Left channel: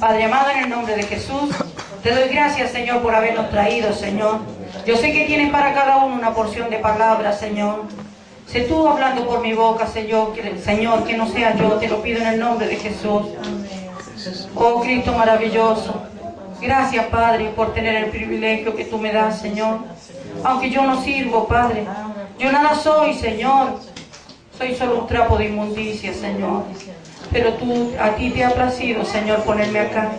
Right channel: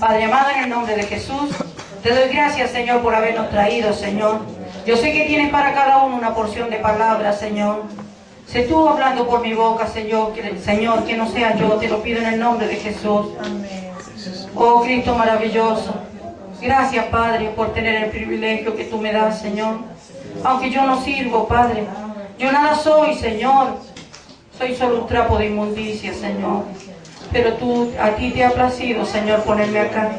Padre amado, en el nombre de Jesús, te doy gracias, Señor, por habernos traído, Señor. Yo sé que tienes para cada uno una porción de palabras, Señor. Sé tú hablando por mi boca, Señor, que no sea yo, te lo pido en el nombre de Jesús. Oh, Cristo maravilloso. Gracias, Padre, por tener el privilegio que tú me das, Señor. Aunque yo no sirvo, Padre. Yo nada soy, Señor. Soy solo un trapo de inmundicia, Señor. Pero a ti te ha placido, Señor, ponerme acá.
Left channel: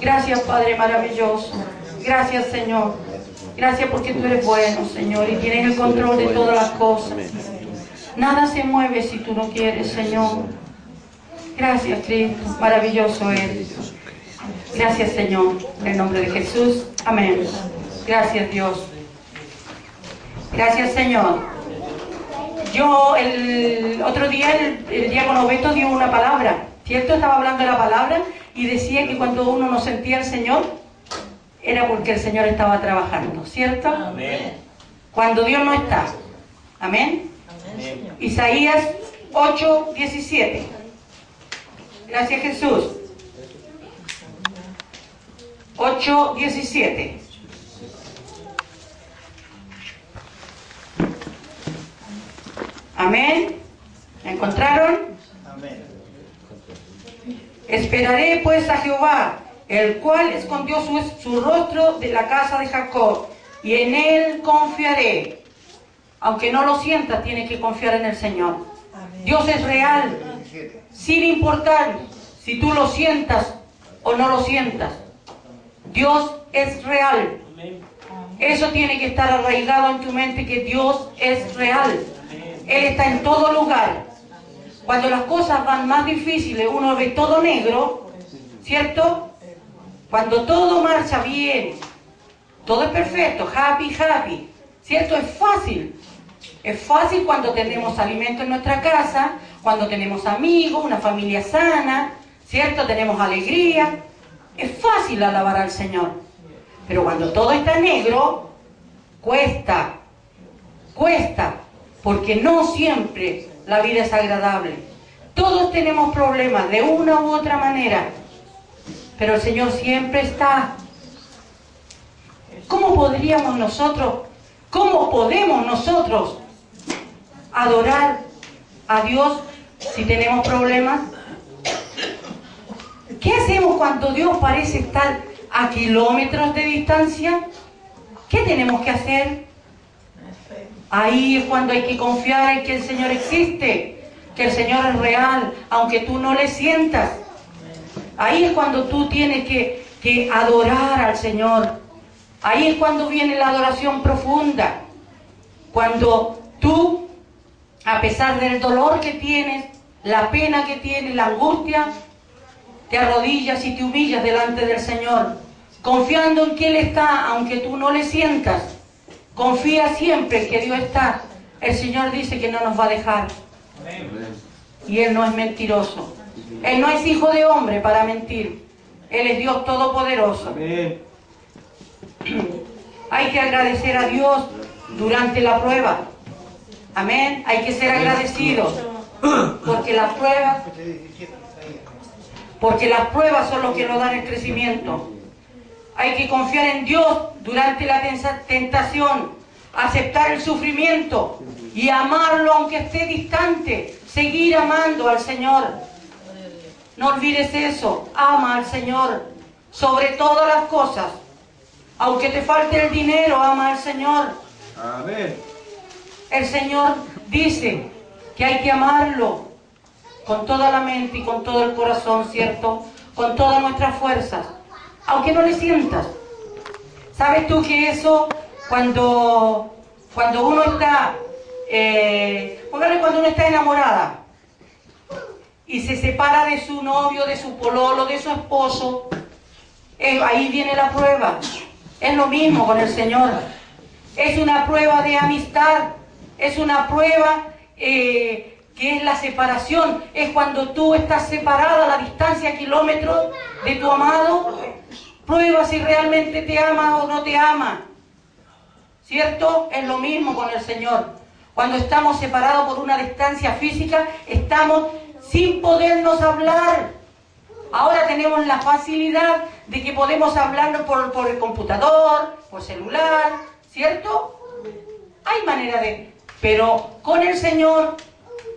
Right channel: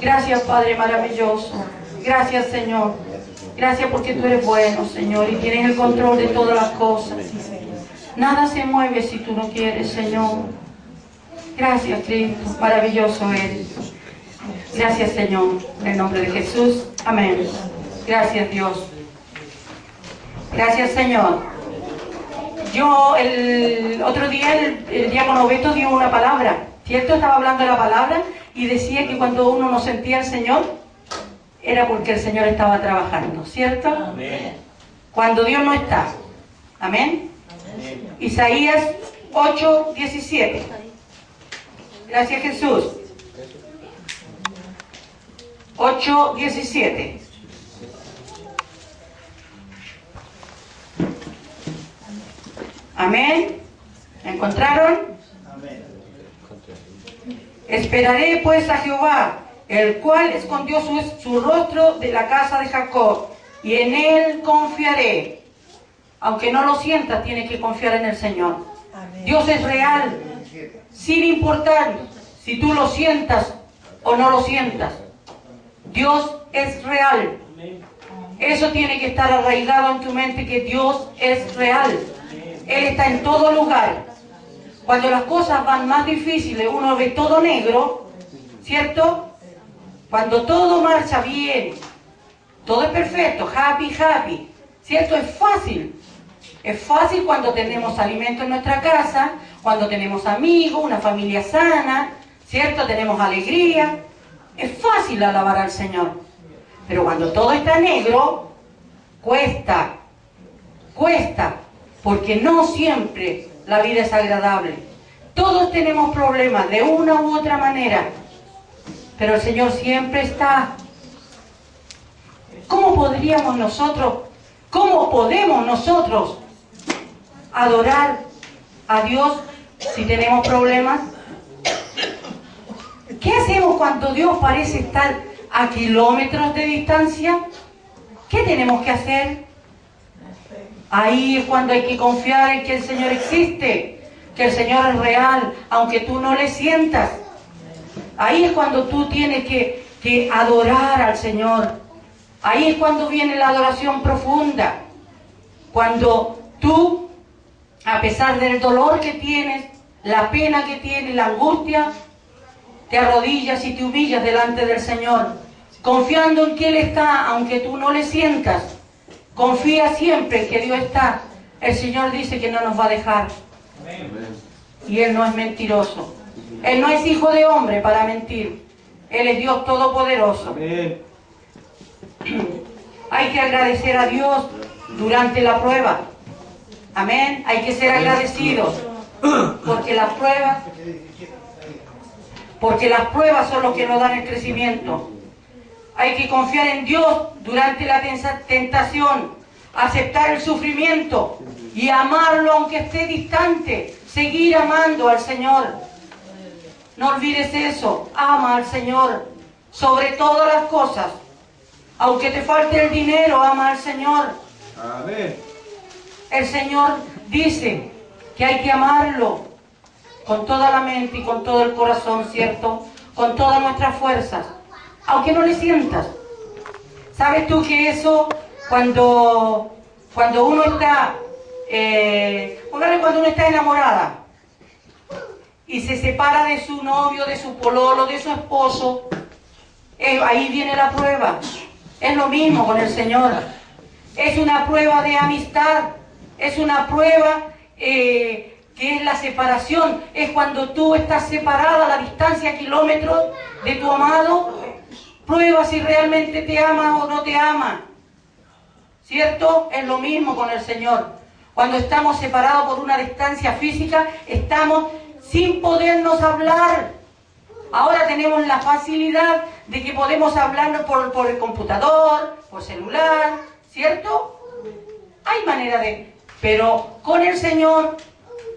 Gracias, Padre maravilloso. Gracias, Señor. Gracias porque tú eres bueno, Señor, y tienes el control de todas las cosas. Nada se mueve si tú no quieres, Señor. Gracias, Cristo. Maravilloso eres. Gracias, Señor. En el nombre de Jesús. Amén. Gracias, Dios. Gracias, Señor. Yo el otro día, el diácono Beto dio una palabra, ¿cierto? Estaba hablando de la palabra y decía que cuando uno no sentía al Señor, era porque el Señor estaba trabajando, ¿cierto? Amén. Cuando Dios no está. Amén. Amén. Isaías 8:17. Gracias, Jesús. 8:17. Amén. ¿Me encontraron? Amén. Esperaré pues a Jehová, el cual escondió su rostro de la casa de Jacob, y en él confiaré. Aunque no lo sientas, tienes que confiar en el Señor. Amén. Dios es real, sin importar si tú lo sientas o no lo sientas. Dios es real. Eso tiene que estar arraigado en tu mente, que Dios es real. Él está en todo lugar. Cuando las cosas van más difíciles, uno ve todo negro, ¿cierto? Cuando todo marcha bien, todo es perfecto, happy, happy, ¿cierto? Es fácil. Es fácil cuando tenemos alimento en nuestra casa, cuando tenemos amigos, una familia sana, ¿cierto? Tenemos alegría. Es fácil alabar al Señor. Pero cuando todo está negro, cuesta, porque no siempre la vida es agradable. Todos tenemos problemas de una u otra manera, pero el Señor siempre está. ¿Cómo podemos nosotros adorar a Dios si tenemos problemas? ¿Qué hacemos cuando Dios parece estar a kilómetros de distancia? ¿Qué tenemos que hacer? Ahí es cuando hay que confiar en que el Señor existe, que el Señor es real, aunque tú no le sientas. Ahí es cuando tú tienes que adorar al Señor. Ahí es cuando viene la adoración profunda. Cuando tú, a pesar del dolor que tienes, la pena que tienes, la angustia, te arrodillas y te humillas delante del Señor, confiando en que Él está, aunque tú no le sientas. Confía siempre en que Dios está. El Señor dice que no nos va a dejar. Y Él no es mentiroso. Él no es hijo de hombre para mentir. Él es Dios todopoderoso. Amén. Hay que agradecer a Dios durante la prueba. Amén. Hay que ser agradecidos. Porque las pruebas son los que nos dan el crecimiento. Hay que confiar en Dios durante la tentación, aceptar el sufrimiento y amarlo aunque esté distante, seguir amando al Señor. No olvides eso, ama al Señor sobre todas las cosas. Aunque te falte el dinero, ama al Señor. Amén. El Señor dice que hay que amarlo con toda la mente y con todo el corazón, ¿cierto? Con todas nuestras fuerzas. Aunque no le sientas. ¿Sabes tú que eso, cuando uno está, cuando uno está enamorada y se separa de su novio, de su pololo, de su esposo, ahí viene la prueba. Es lo mismo con el Señor. Es una prueba de amistad, es una prueba que es la separación. Es cuando tú estás separada a la distancia, kilómetros de tu amado. Prueba si realmente te ama o no te ama. ¿Cierto? Es lo mismo con el Señor. Cuando estamos separados por una distancia física, estamos sin podernos hablar. Ahora tenemos la facilidad de que podemos hablar por el computador, por celular, ¿cierto? Hay manera de... Pero con el Señor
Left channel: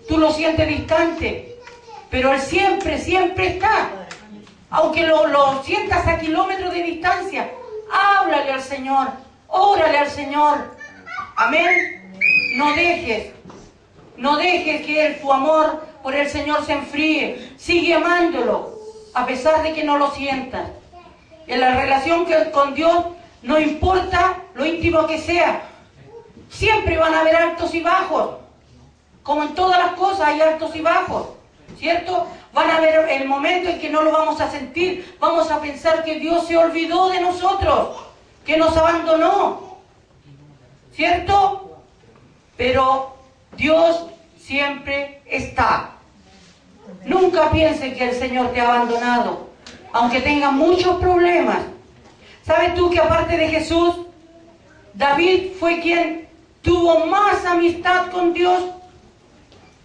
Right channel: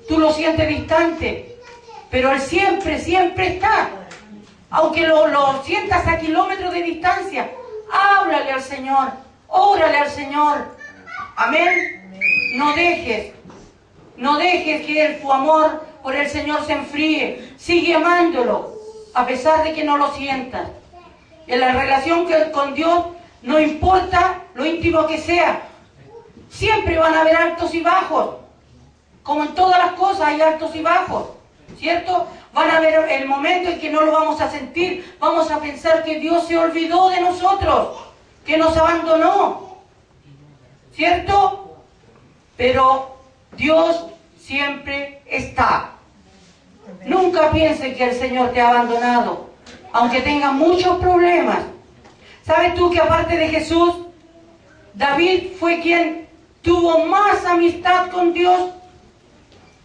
tú lo sientes distante, pero Él siempre, siempre está. Aunque lo sientas a kilómetros de distancia, háblale al Señor, órale al Señor. Amén. No dejes que tu amor por el Señor se enfríe. Sigue amándolo, a pesar de que no lo sientas. En la relación con Dios, no importa lo íntimo que sea, siempre van a haber altos y bajos. Como en todas las cosas hay altos y bajos, ¿cierto? Van a haber el momento en que no lo vamos a sentir. Vamos a pensar que Dios se olvidó de nosotros, que nos abandonó, ¿cierto? Pero Dios siempre está. Nunca pienses que el Señor te ha abandonado, aunque tenga muchos problemas. ¿Sabes tú que aparte de Jesús, David fue quien tuvo más amistad con Dios?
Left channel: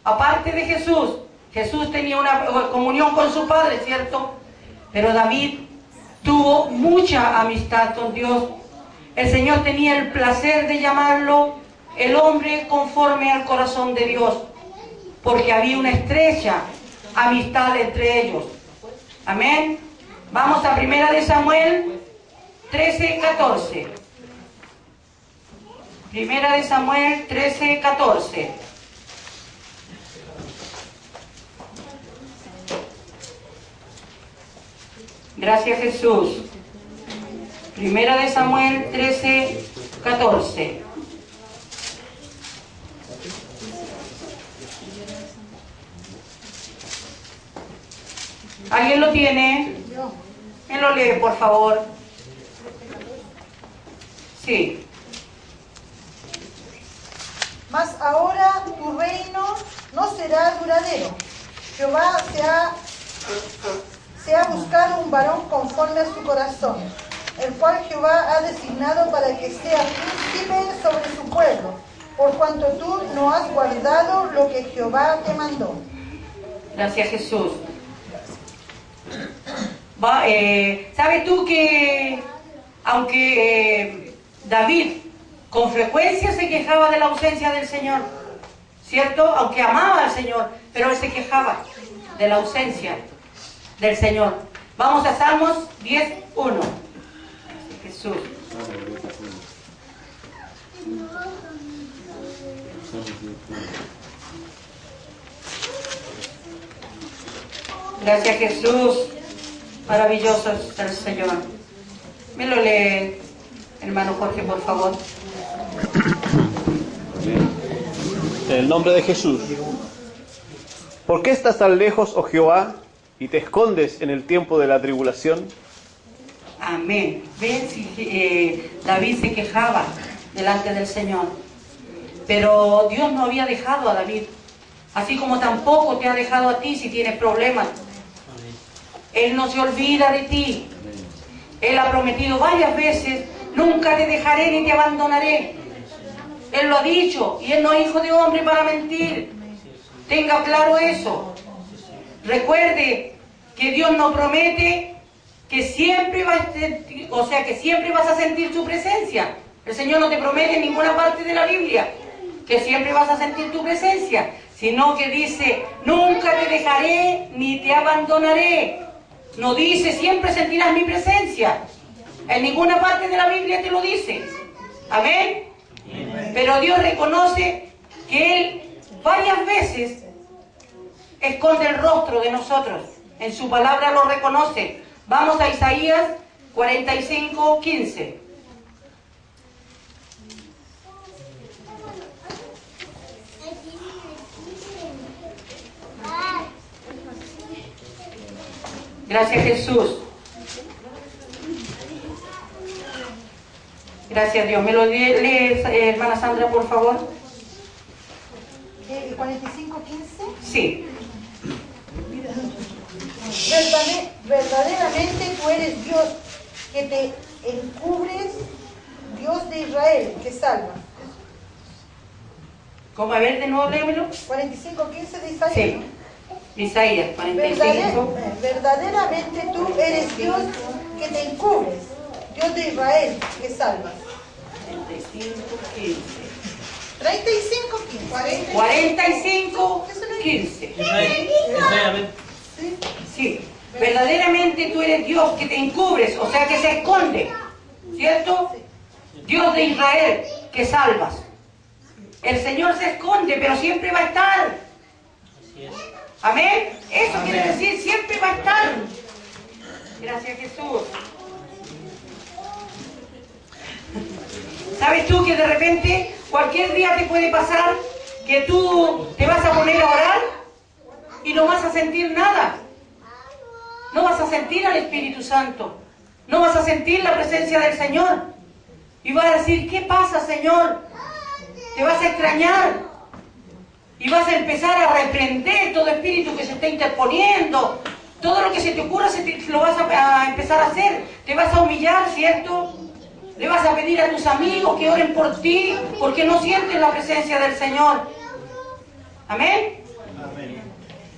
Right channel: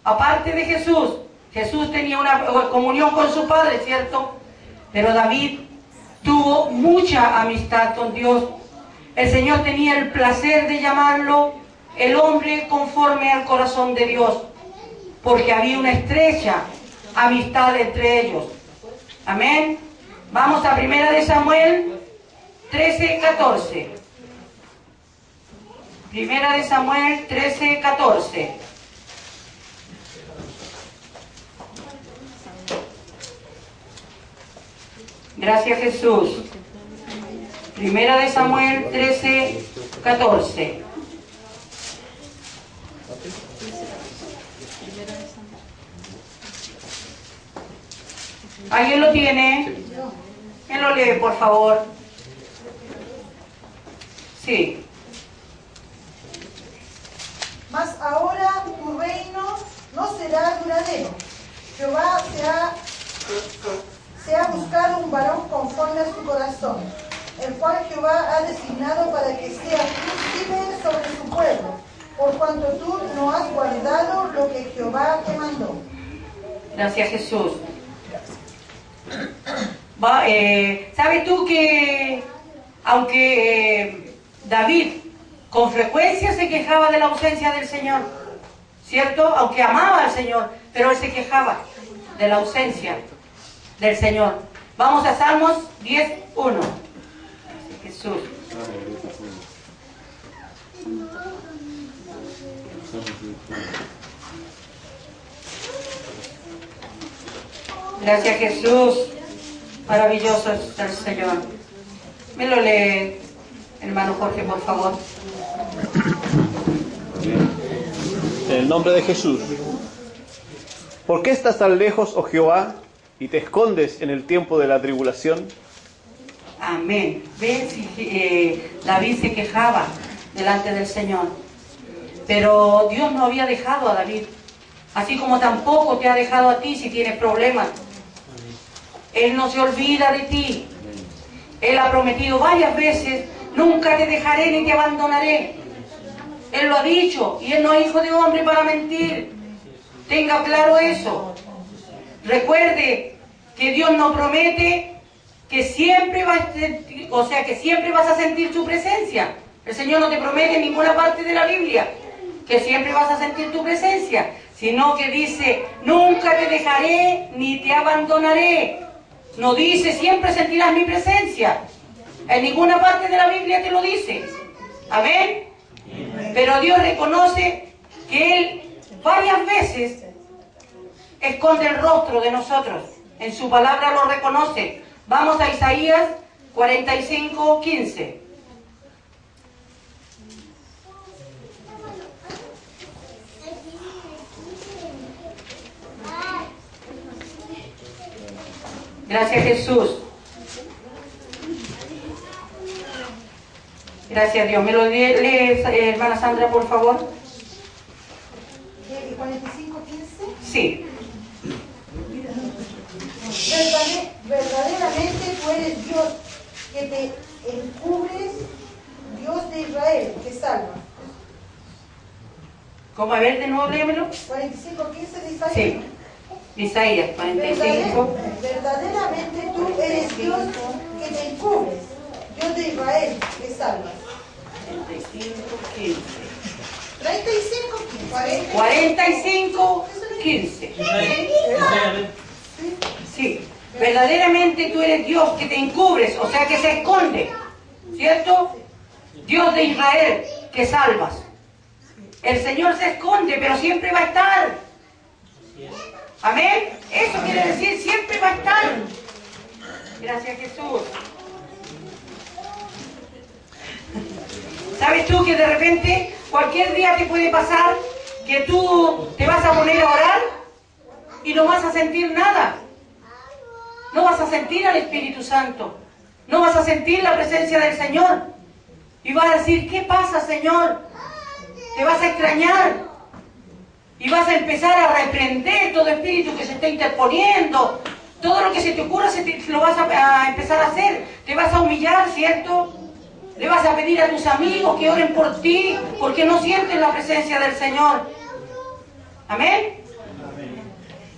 Aparte de Jesús, Jesús tenía una comunión con su Padre, ¿cierto? Pero David tuvo mucha amistad con Dios. El Señor tenía el placer de llamarlo el hombre conforme al corazón de Dios, porque había una estrecha amistad entre ellos. Amén. Vamos a 1 Samuel 13:14. 1 Samuel 13:14. Gracias, Jesús. 1 Samuel 13:14. ¿Alguien lo tiene? ¿Quién lo lee, por favor? Sí. Mas ahora tu reino no será duradero. Jehová se ha buscado un varón conforme a su corazón, el cual Jehová ha designado para que sea príncipe sobre su pueblo, por cuanto tú no has guardado lo que Jehová te mandó. Gracias, Jesús. ¿Sabes tú que aunque David con frecuencia se quejaba de la ausencia del Señor, ¿cierto? Aunque amaba al Señor, pero él se quejaba de la ausencia del Señor. Vamos a Salmos 10:1. Jesús. Gracias, Jesús. Maravilloso es el Señor. Me lo lee, hermano Jorge, por favor. En el nombre de Jesús. ¿Por qué estás tan lejos, oh Jehová, y te escondes en el tiempo de la tribulación? Amén. Ven, si David se quejaba delante del Señor, pero Dios no había dejado a David, así como tampoco te ha dejado a ti si tienes problemas. Él no se olvida de ti. Él ha prometido varias veces: nunca te dejaré ni te abandonaré. Él lo ha dicho, y Él no es hijo de hombre para mentir. Tenga claro eso. Recuerde que Dios no promete que siempre siempre vas a sentir su presencia. El Señor no te promete en ninguna parte de la Biblia que siempre vas a sentir tu presencia, sino que dice: nunca te dejaré ni te abandonaré. No dice: siempre sentirás mi presencia. En ninguna parte de la Biblia te lo dice. Amén. Pero Dios reconoce que Él varias veces esconde el rostro de nosotros. En su palabra lo reconoce. Vamos a Isaías 45:15. Gracias, Jesús. Gracias, Dios. ¿Me lo lees, hermana Sandra, por favor? 45:15. Sí. Verdaderamente tú eres Dios que te encubres, Dios de Israel que salva. ¿Cómo? A ver, de nuevo léemelo. 45:15 de Isaías. Sí. Isaías 45. Verdaderamente tú eres Dios que te encubres, Dios de Israel que salvas. 35, 15. 45, 15. Sí, verdaderamente tú eres Dios que te encubres, o sea que se esconde, ¿cierto? Dios de Israel que salvas. El Señor se esconde, pero siempre va a estar. Amén. Eso quiere decir siempre va a estar. Gracias, Jesús. ¿Sabes tú que de repente cualquier día te puede pasar que tú te vas a poner a orar y no vas a sentir nada? No vas a sentir al Espíritu Santo. No vas a sentir la presencia del Señor. Y vas a decir, ¿qué pasa, Señor? Te vas a extrañar. Y vas a empezar a reprender todo espíritu que se está interponiendo. Todo lo que se te ocurra lo vas a empezar a hacer. Te vas a humillar, ¿cierto? Le vas a pedir a tus amigos que oren por ti, porque no sientes la presencia del Señor. ¿Amén?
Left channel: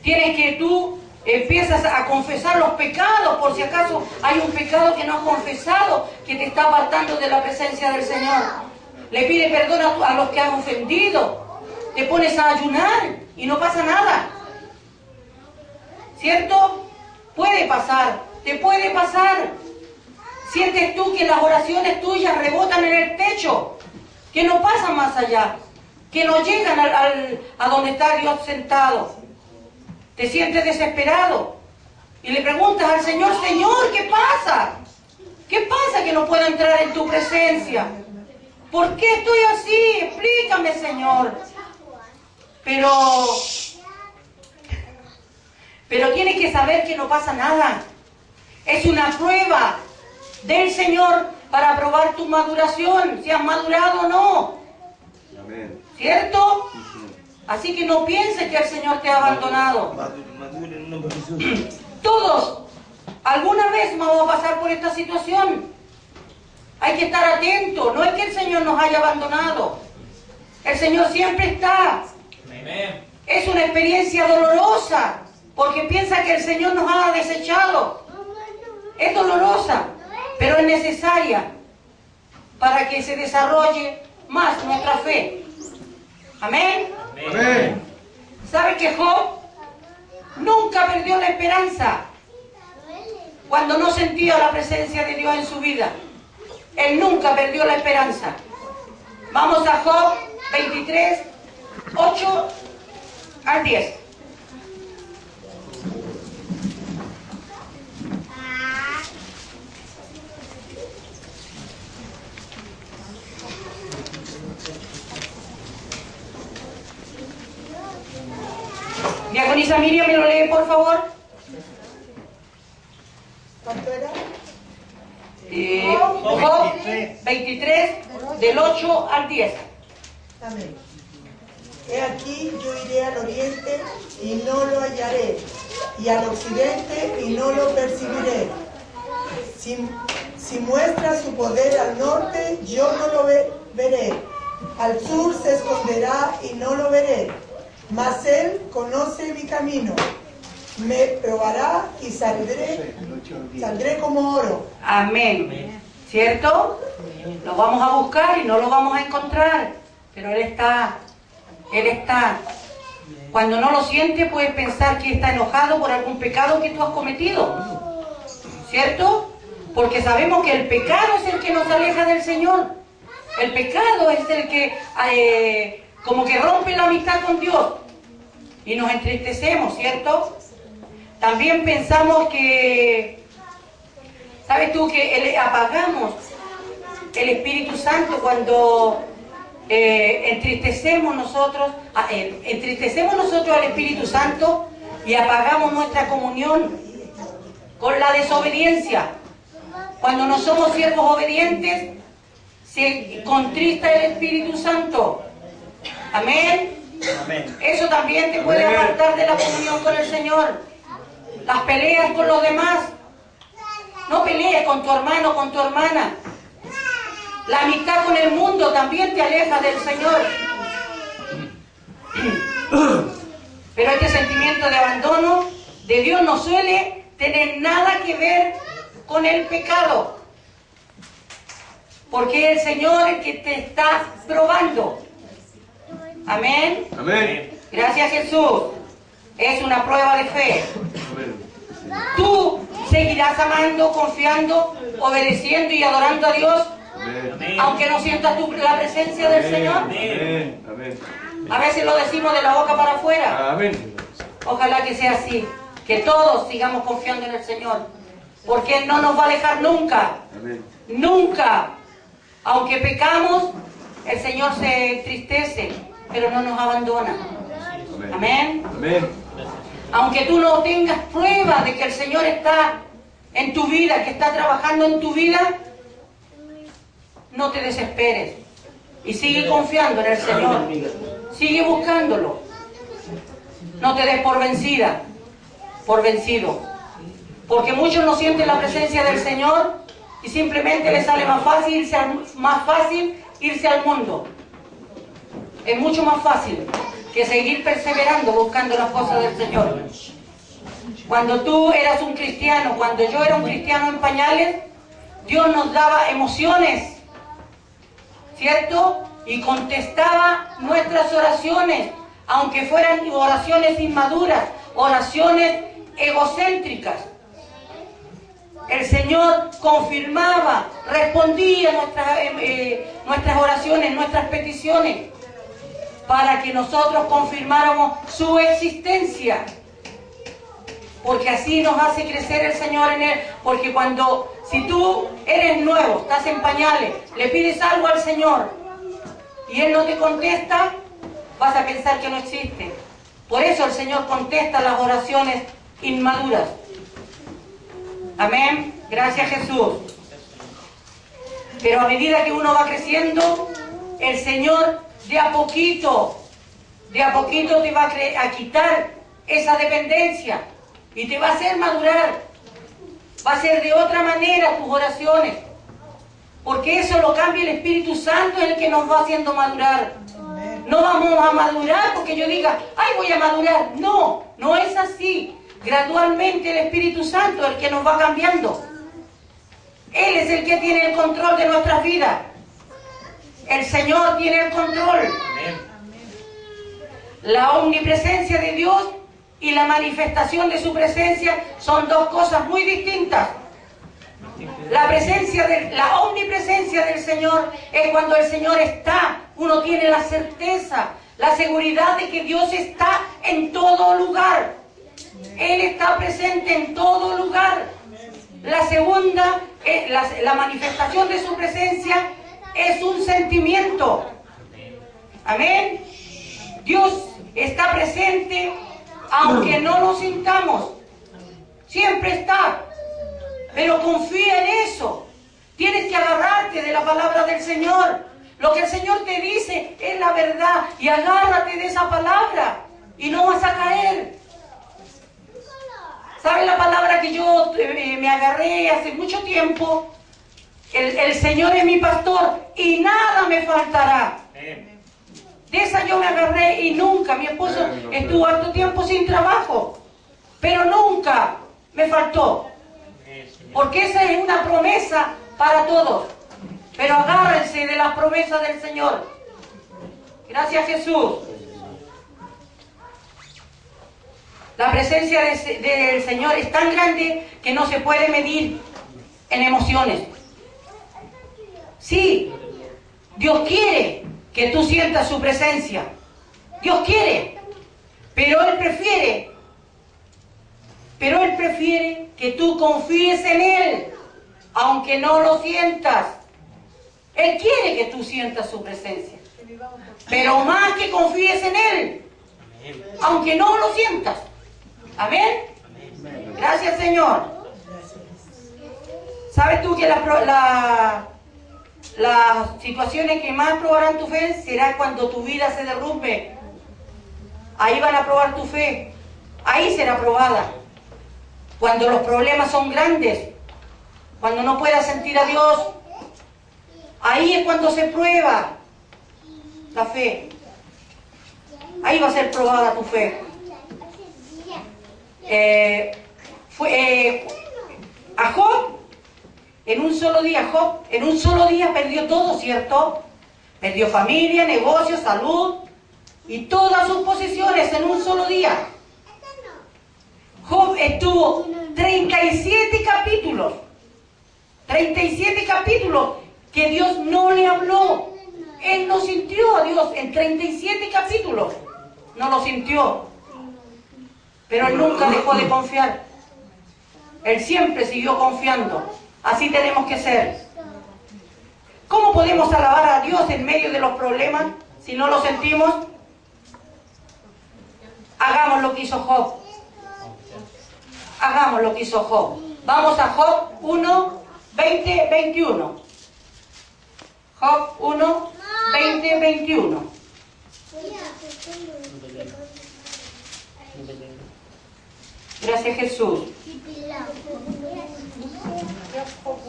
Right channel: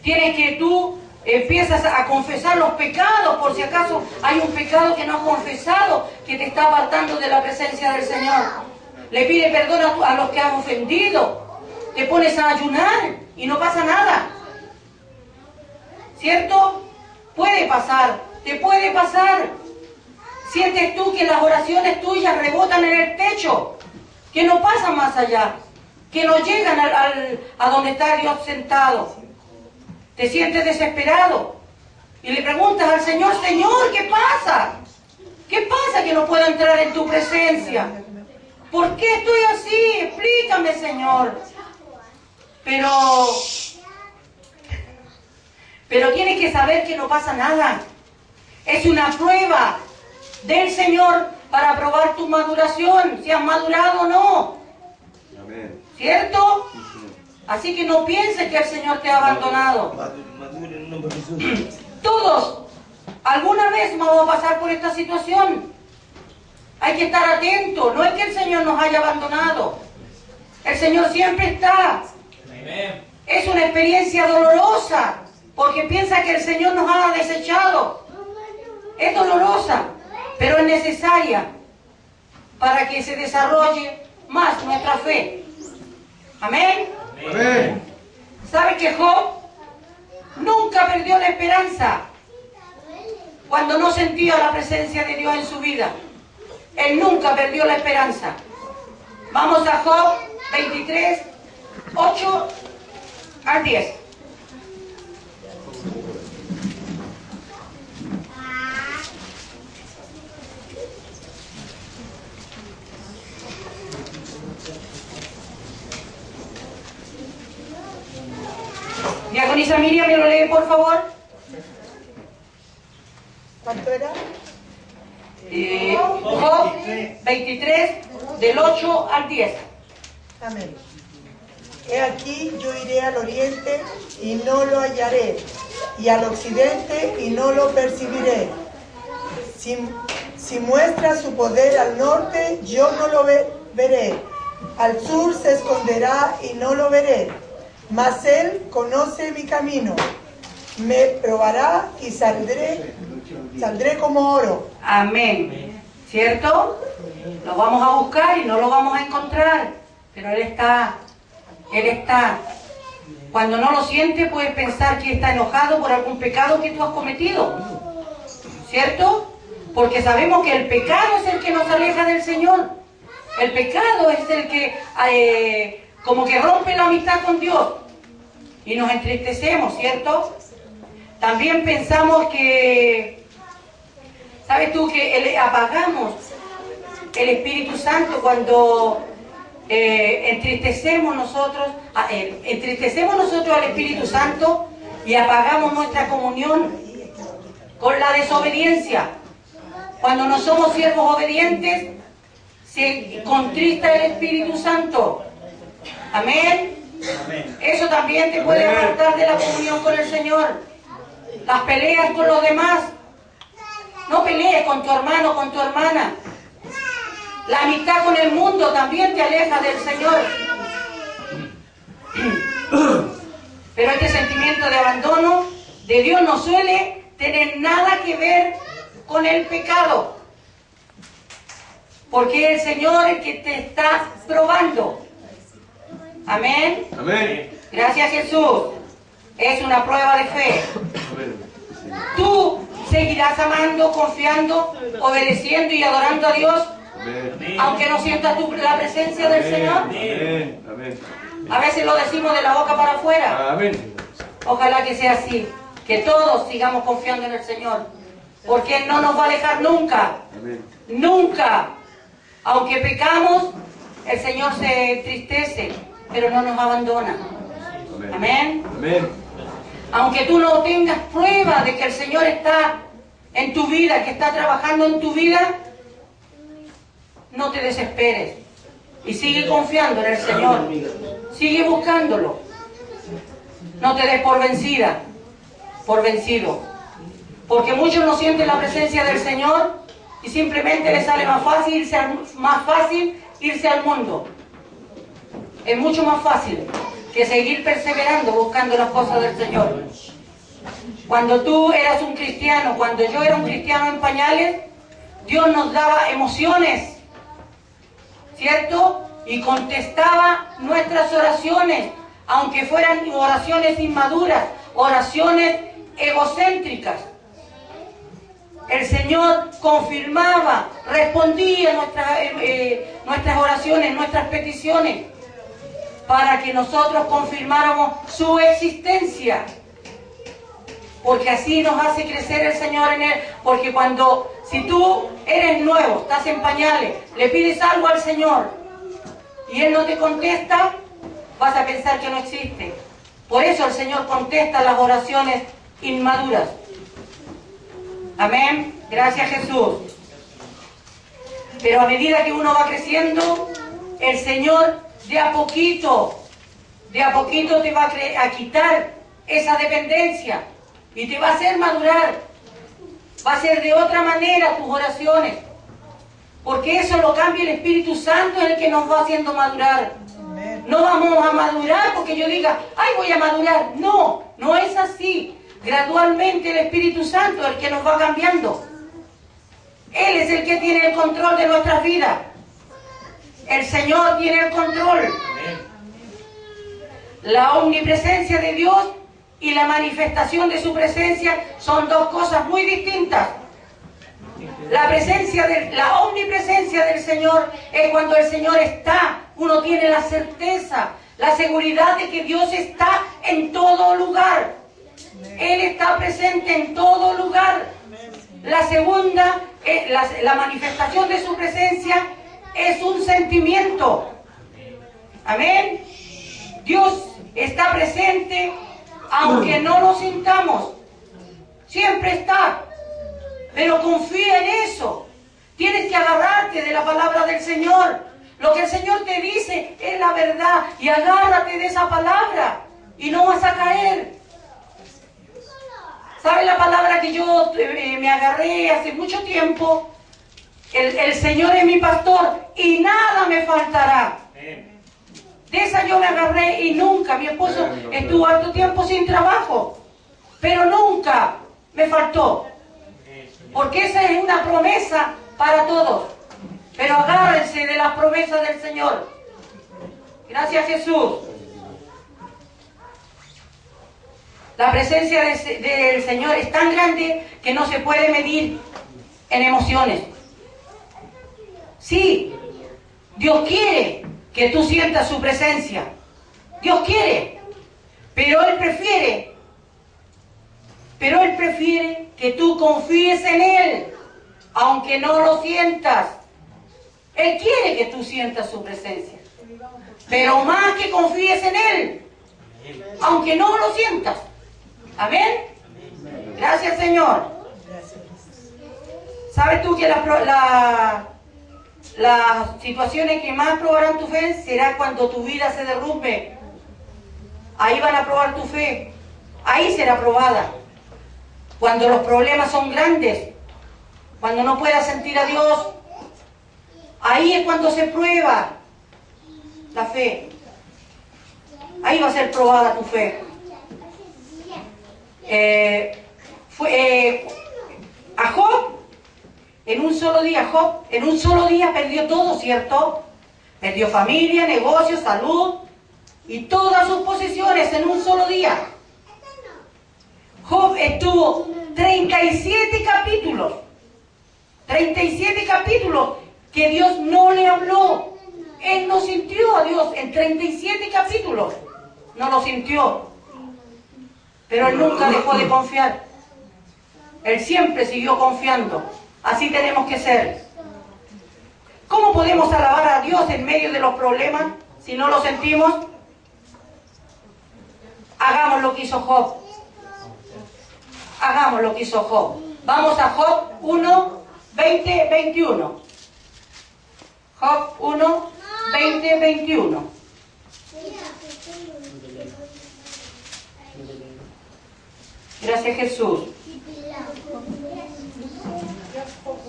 Tienes que tú empiezas a confesar los pecados, por si acaso hay un pecado que no has confesado, que te está apartando de la presencia del Señor. Le pide perdón a los que han ofendido. Te pones a ayunar y no pasa nada. ¿Cierto? Puede pasar, te puede pasar. Sientes tú que las oraciones tuyas rebotan en el techo, que no pasan más allá, que no llegan a donde está Dios sentado. Te sientes desesperado y le preguntas al Señor, Señor, ¿qué pasa? ¿Qué pasa que no puedo entrar en tu presencia? ¿Por qué estoy así? Explícame, Señor. Pero tienes que saber que no pasa nada. Es una prueba del Señor para probar tu maduración, si has madurado o no. Amén. ¿Cierto? Así que no pienses que el Señor te ha abandonado. Todos, alguna vez vamos a pasar por esta situación. Hay que estar atentos. No es que el Señor nos haya abandonado. El Señor siempre está. Es una experiencia dolorosa, porque piensa que el Señor nos ha desechado. Es dolorosa, pero es necesaria para que se desarrolle más nuestra fe. Amén. Amén. ¿Sabe que Job nunca perdió la esperanza cuando no sentía la presencia de Dios en su vida? Él nunca perdió la esperanza. Vamos a Job 23, 8 al 10. Diaconisa Miriam, ¿me lo lee, por favor? ¿Cuánto era? Job 23, del 8 al 10. Amén. He aquí yo iré al oriente y no lo hallaré, y al occidente y no lo percibiré. Si muestra su poder al norte, yo no lo veré. Al sur se esconderá y no lo veré. Mas él conoce mi camino. Me probará y saldré como oro. Amén. ¿Cierto? Lo vamos a buscar y no lo vamos a encontrar. Pero Él está. Él está. Cuando no lo sientes, puedes pensar que está enojado por algún pecado que tú has cometido. ¿Cierto? Porque sabemos que el pecado es el que nos aleja del Señor. El pecado es el que como que rompe la amistad con Dios. Y nos entristecemos, ¿cierto? También pensamos que, ¿sabes tú? Que apagamos el Espíritu Santo cuando entristecemos nosotros al Espíritu Santo y apagamos nuestra comunión con la desobediencia. Cuando no somos siervos obedientes, se contrista el Espíritu Santo. Amén. Amén. Eso también te puede apartar de la comunión con el Señor. Las peleas con los demás. No pelees con tu hermano, con tu hermana. La amistad con el mundo también te aleja del Señor. Pero este sentimiento de abandono de Dios no suele tener nada que ver con el pecado. Porque el Señor es el que te está probando. Amén. Amén. Gracias, Jesús. Es una prueba de fe. Tú seguirás amando, confiando, obedeciendo y adorando a Dios, Amén. aunque no sientas la presencia del Señor. Amén. Amén. A veces lo decimos de la boca para afuera. Amén. Ojalá que sea así, que todos sigamos confiando en el Señor, porque Él no nos va a dejar nunca, Amén. nunca. Aunque pecamos, el Señor se entristece, pero no nos abandona. Amén. Amén. Aunque tú no tengas prueba de que el Señor está en tu vida, que está trabajando en tu vida, no te desesperes y sigue confiando en el Señor, sigue buscándolo. No te des por vencida, por vencido, porque muchos no sienten la presencia del Señor y simplemente les sale más fácil irse al mundo. Es mucho más fácil que seguir perseverando buscando las cosas del Señor. Cuando tú eras un cristiano, cuando yo era un cristiano en pañales, Dios nos daba emociones, ¿cierto? Y contestaba nuestras oraciones, aunque fueran oraciones inmaduras, oraciones egocéntricas. El Señor confirmaba, respondía nuestras oraciones, nuestras peticiones, para que nosotros confirmáramos su existencia. Porque así nos hace crecer el Señor en Él. Porque si tú eres nuevo, estás en pañales, le pides algo al Señor y Él no te contesta, vas a pensar que no existe. Por eso el Señor contesta las oraciones inmaduras. Amén. Gracias, Jesús. Pero a medida que uno va creciendo, el Señor de a poquito te va a quitar esa dependencia y te va a hacer madurar. Va a ser de otra manera tus oraciones, porque eso lo cambia el Espíritu Santo, es el que nos va haciendo madurar. No vamos a madurar porque yo diga, ay, voy a madurar. No, no es así. Gradualmente el Espíritu Santo es el que nos va cambiando. Él es el que tiene el control de nuestras vidas. El Señor tiene el control. La omnipresencia de Dios y la manifestación de su presencia son dos cosas muy distintas. La omnipresencia del Señor es cuando el Señor está. Uno tiene la certeza, la seguridad de que Dios está en todo lugar. Él está presente en todo lugar. La segunda, la manifestación de su presencia es un sentimiento. Amén. Dios está presente aunque no lo sintamos. Siempre está. Pero confía en eso. Tienes que agarrarte de la palabra del Señor. Lo que el Señor te dice es la verdad. Y agárrate de esa palabra. Y no vas a caer. ¿Sabes la palabra que yo me agarré hace mucho tiempo? El Señor es mi pastor y nada me faltará. De esa yo me agarré y nunca. Mi esposo estuvo harto tiempo sin trabajo, pero nunca me faltó. Porque esa es una promesa para todos. Pero agárrense de las promesas del Señor. Gracias, Jesús. La presencia del Señor es tan grande que no se puede medir en emociones. Sí, Dios quiere que tú sientas su presencia. Dios quiere, pero Él prefiere que tú confíes en Él, aunque no lo sientas. Él quiere que tú sientas su presencia, pero más que confíes en Él, aunque no lo sientas. Amén. Gracias, Señor. ¿Sabes tú que las situaciones que más probarán tu fe será cuando tu vida se derrumbe? Ahí van a probar tu fe. Ahí será probada. Cuando los problemas son grandes, cuando no puedas sentir a Dios, ahí es cuando se prueba la fe. Ahí va a ser probada tu fe. a Job, en un solo día perdió todo, ¿cierto? Perdió familia, negocios, salud y todas sus posesiones en un solo día. Job estuvo 37 capítulos que Dios no le habló. Él no sintió a Dios en 37 capítulos. No lo sintió. Pero él nunca dejó de confiar. Él siempre siguió confiando. Así tenemos que ser. ¿Cómo podemos alabar a Dios en medio de los problemas si no lo sentimos? Hagamos lo que hizo Job. Hagamos lo que hizo Job. Vamos a Job 1, 20, 21. Job 1, 20, 21. Gracias, Jesús.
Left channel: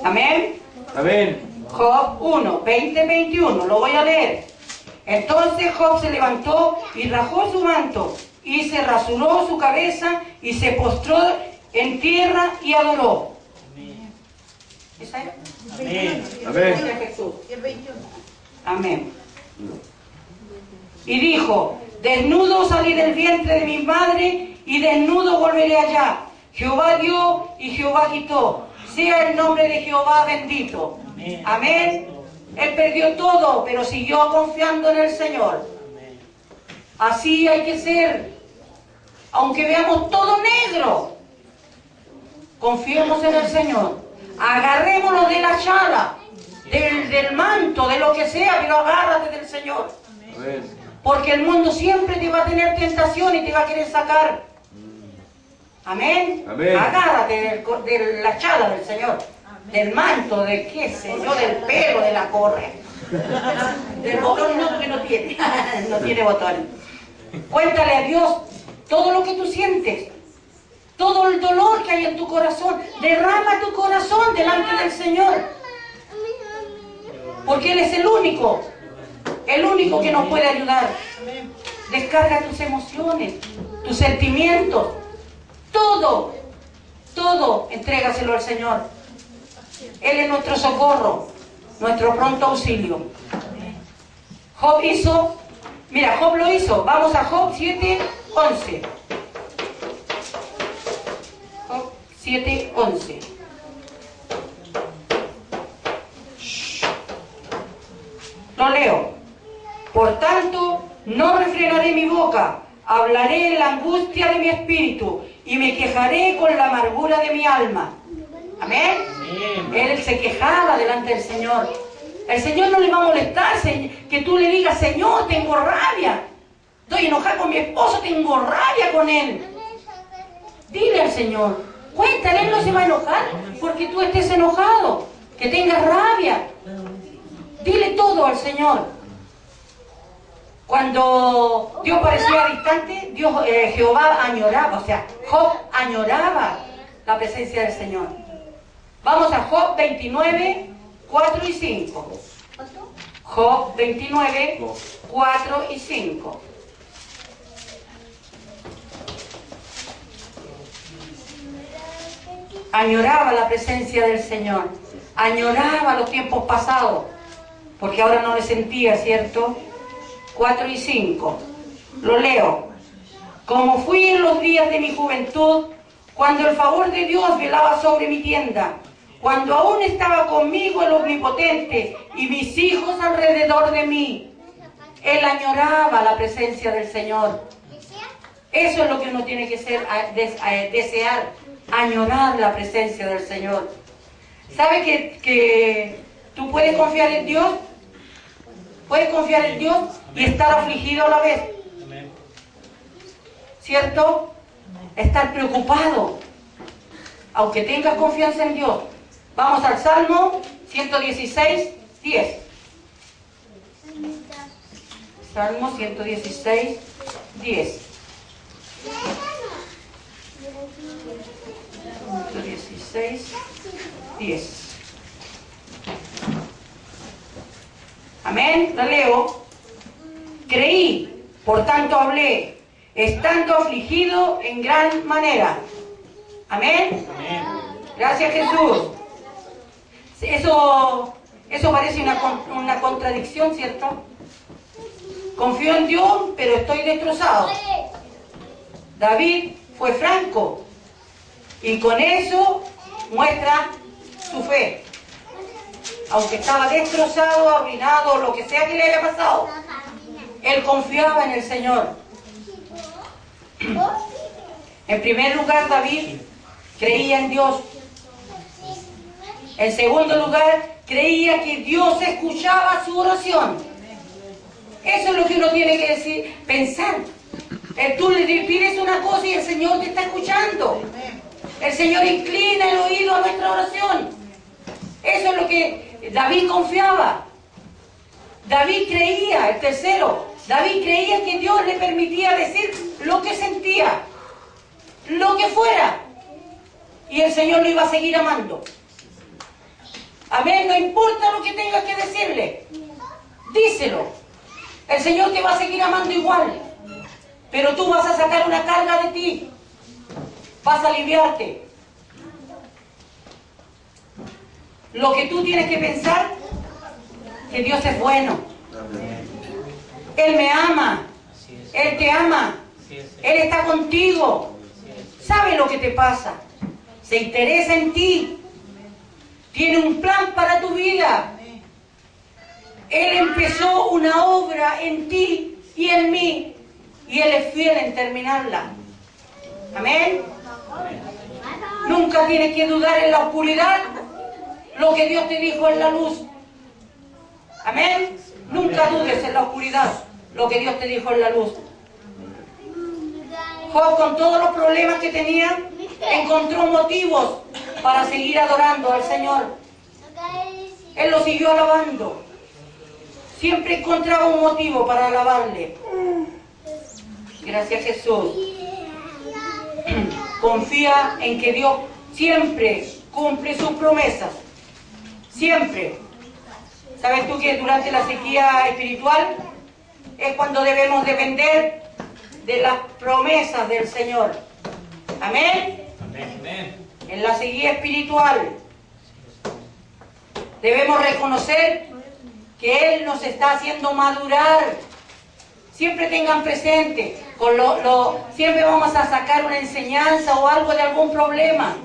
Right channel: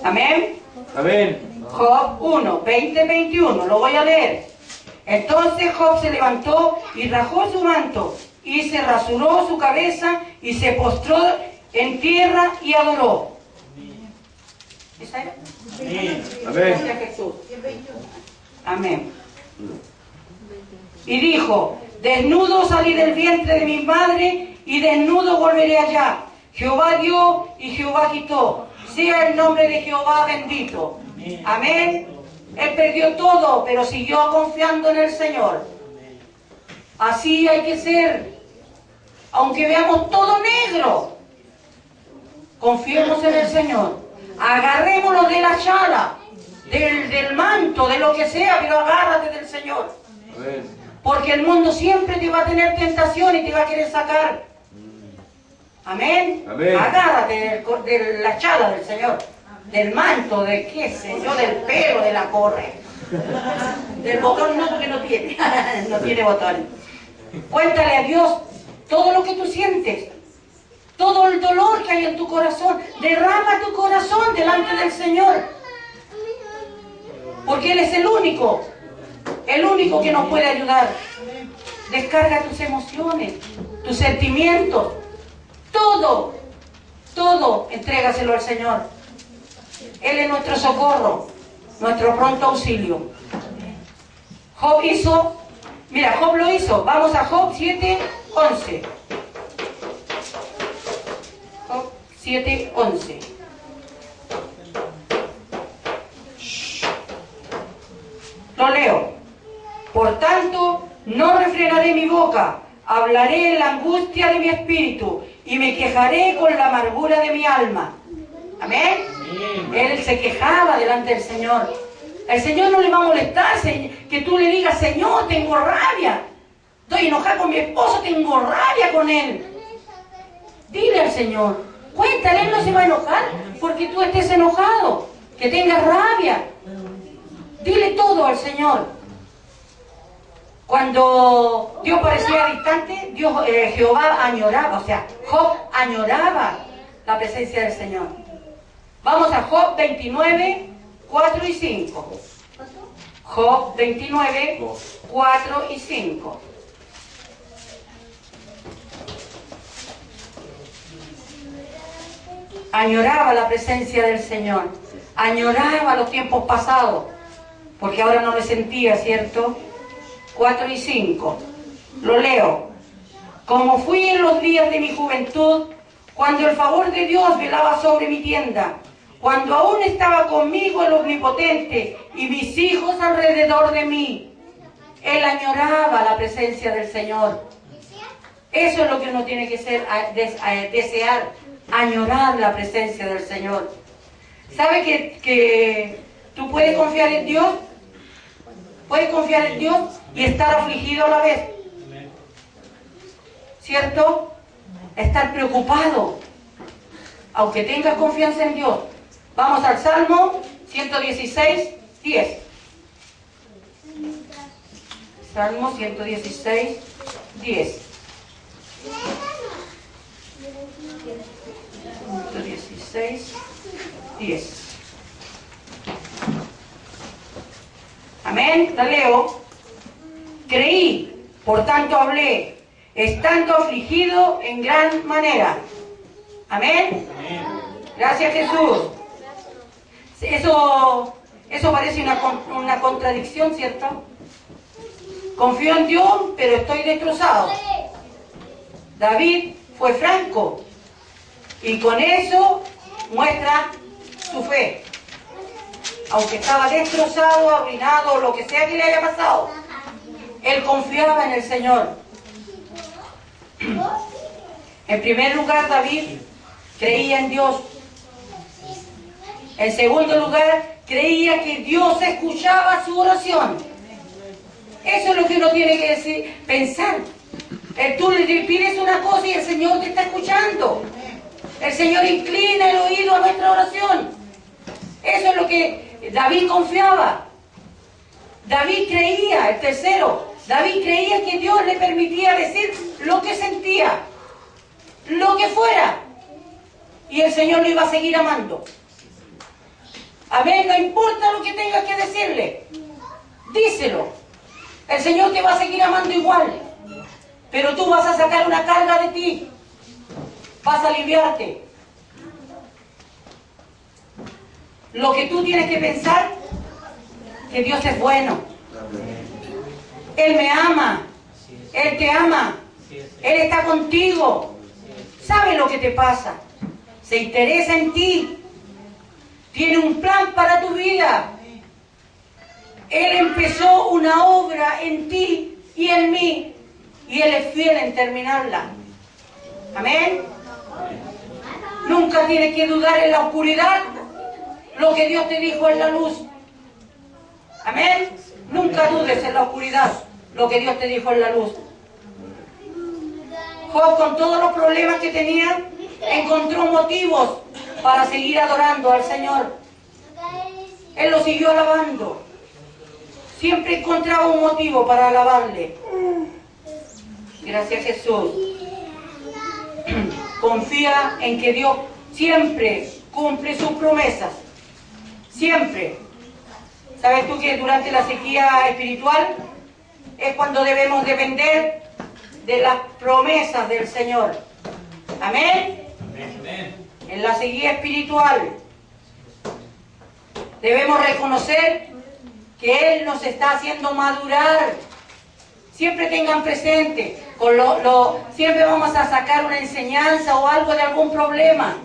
Amén. Amén. Job 1, 20, 21. Lo voy a leer. Entonces Job se levantó y rajó su manto y se rasuró su cabeza y se postró en tierra y adoró. ¿Esa era? Amén. Gracias, Jesús. Amén. Y dijo: desnudo salí del vientre de mi madre y desnudo volveré allá. Jehová dio y Jehová quitó. Sea el nombre de Jehová bendito. Amén. Él perdió todo, pero siguió confiando en el Señor. Así hay que ser. Aunque veamos todo negro, confiemos en el Señor. Agarrémonos de la chala, del manto, de lo que sea, pero agárrate del Señor. Amén. Porque el mundo siempre te va a tener tentación y te va a querer sacar. Amén. Amén. Agárrate de la chala del Señor. Del manto, de qué sé yo, del pelo, de la correa. Del botón no, porque no tiene. No tiene botones. Cuéntale a Dios todo lo que tú sientes. Todo el dolor que hay en tu corazón. Derrama tu corazón delante del Señor. Porque Él es el único que nos puede ayudar. Descarga tus emociones, tus sentimientos. Todo, entrégaselo al Señor. Él es nuestro socorro, nuestro pronto auxilio. Job lo hizo. Vamos a Job 7, 11. Job 7, 11. Lo leo. Por tanto, no refrenaré mi boca, hablaré en la angustia de mi espíritu y me quejaré con la amargura de mi alma. Amén. Él se quejaba delante del Señor. El Señor no le va a molestar que tú le digas: Señor, tengo rabia. Estoy enojada con mi esposo, tengo rabia con él. Dile al Señor. Cuéntale, Él no se va a enojar porque tú estés enojado, que tengas rabia. Dile todo al Señor. Cuando Dios parecía distante, Jehová añoraba, Job añoraba la presencia del Señor. Vamos a Job 29, 4 y 5. Job 29, 4 y 5. Añoraba la presencia del Señor. Añoraba los tiempos pasados. Porque ahora no le sentía, ¿cierto? 4 y 5. Lo leo. Como fui en los días de mi juventud, cuando el favor de Dios velaba sobre mi tienda, cuando aún estaba conmigo el Omnipotente y mis hijos alrededor de mí. Él añoraba la presencia del Señor. Eso es lo que uno tiene que desear, añorar la presencia del Señor. ¿Sabe que tú puedes confiar en Dios? Puedes confiar en Dios y estar afligido a la vez. ¿Cierto? Estar preocupado, aunque tengas confianza en Dios. Vamos al Salmo 116, 10. Salmo 116, 10. 116, 10. Amén, la leo. Creí, por tanto hablé. estando afligido en gran manera. Amén. Gracias, Jesús. Eso parece una contradicción, ¿cierto? Confío en Dios, pero estoy destrozado. David fue franco y con eso muestra su fe. Aunque estaba destrozado, arruinado, lo que sea que le haya pasado, él confiaba en el Señor. En primer lugar, David creía en Dios. En segundo lugar, creía que Dios escuchaba su oración. Eso es lo que uno tiene que decir, pensar. Tú le pides una cosa y el Señor te está escuchando. El Señor inclina el oído a nuestra oración. Eso es lo que David confiaba. David creía, el tercero, David creía que Dios le permitía decir lo que sentía, lo que fuera. Y el Señor lo iba a seguir amando. Amén, no importa lo que tengas que decirle. Díselo. El Señor te va a seguir amando igual. Pero tú vas a sacar una carga de ti. Vas a aliviarte. Lo que tú tienes que pensar, que Dios es bueno. Él me ama. Él te ama. Él está contigo. Sabe lo que te pasa. Se interesa en ti. Tiene un plan para tu vida. Él empezó una obra en ti y en mí. Y Él es fiel en terminarla. Amén. Nunca tienes que dudar en la oscuridad lo que Dios te dijo en la luz. Amén. Nunca dudes en la oscuridad lo que Dios te dijo en la luz. Job, con todos los problemas que tenía, encontró motivos para seguir adorando al Señor. Él lo siguió alabando. Siempre encontraba un motivo para alabarle. Gracias, Jesús. Confía en que Dios siempre cumple sus promesas. Siempre. ¿Sabes tú que durante la sequía espiritual es cuando debemos depender de las promesas del Señor? Amén. En la sequía espiritual debemos reconocer que Él nos está haciendo madurar. Siempre tengan presente, siempre vamos a sacar una enseñanza o algo de algún problema.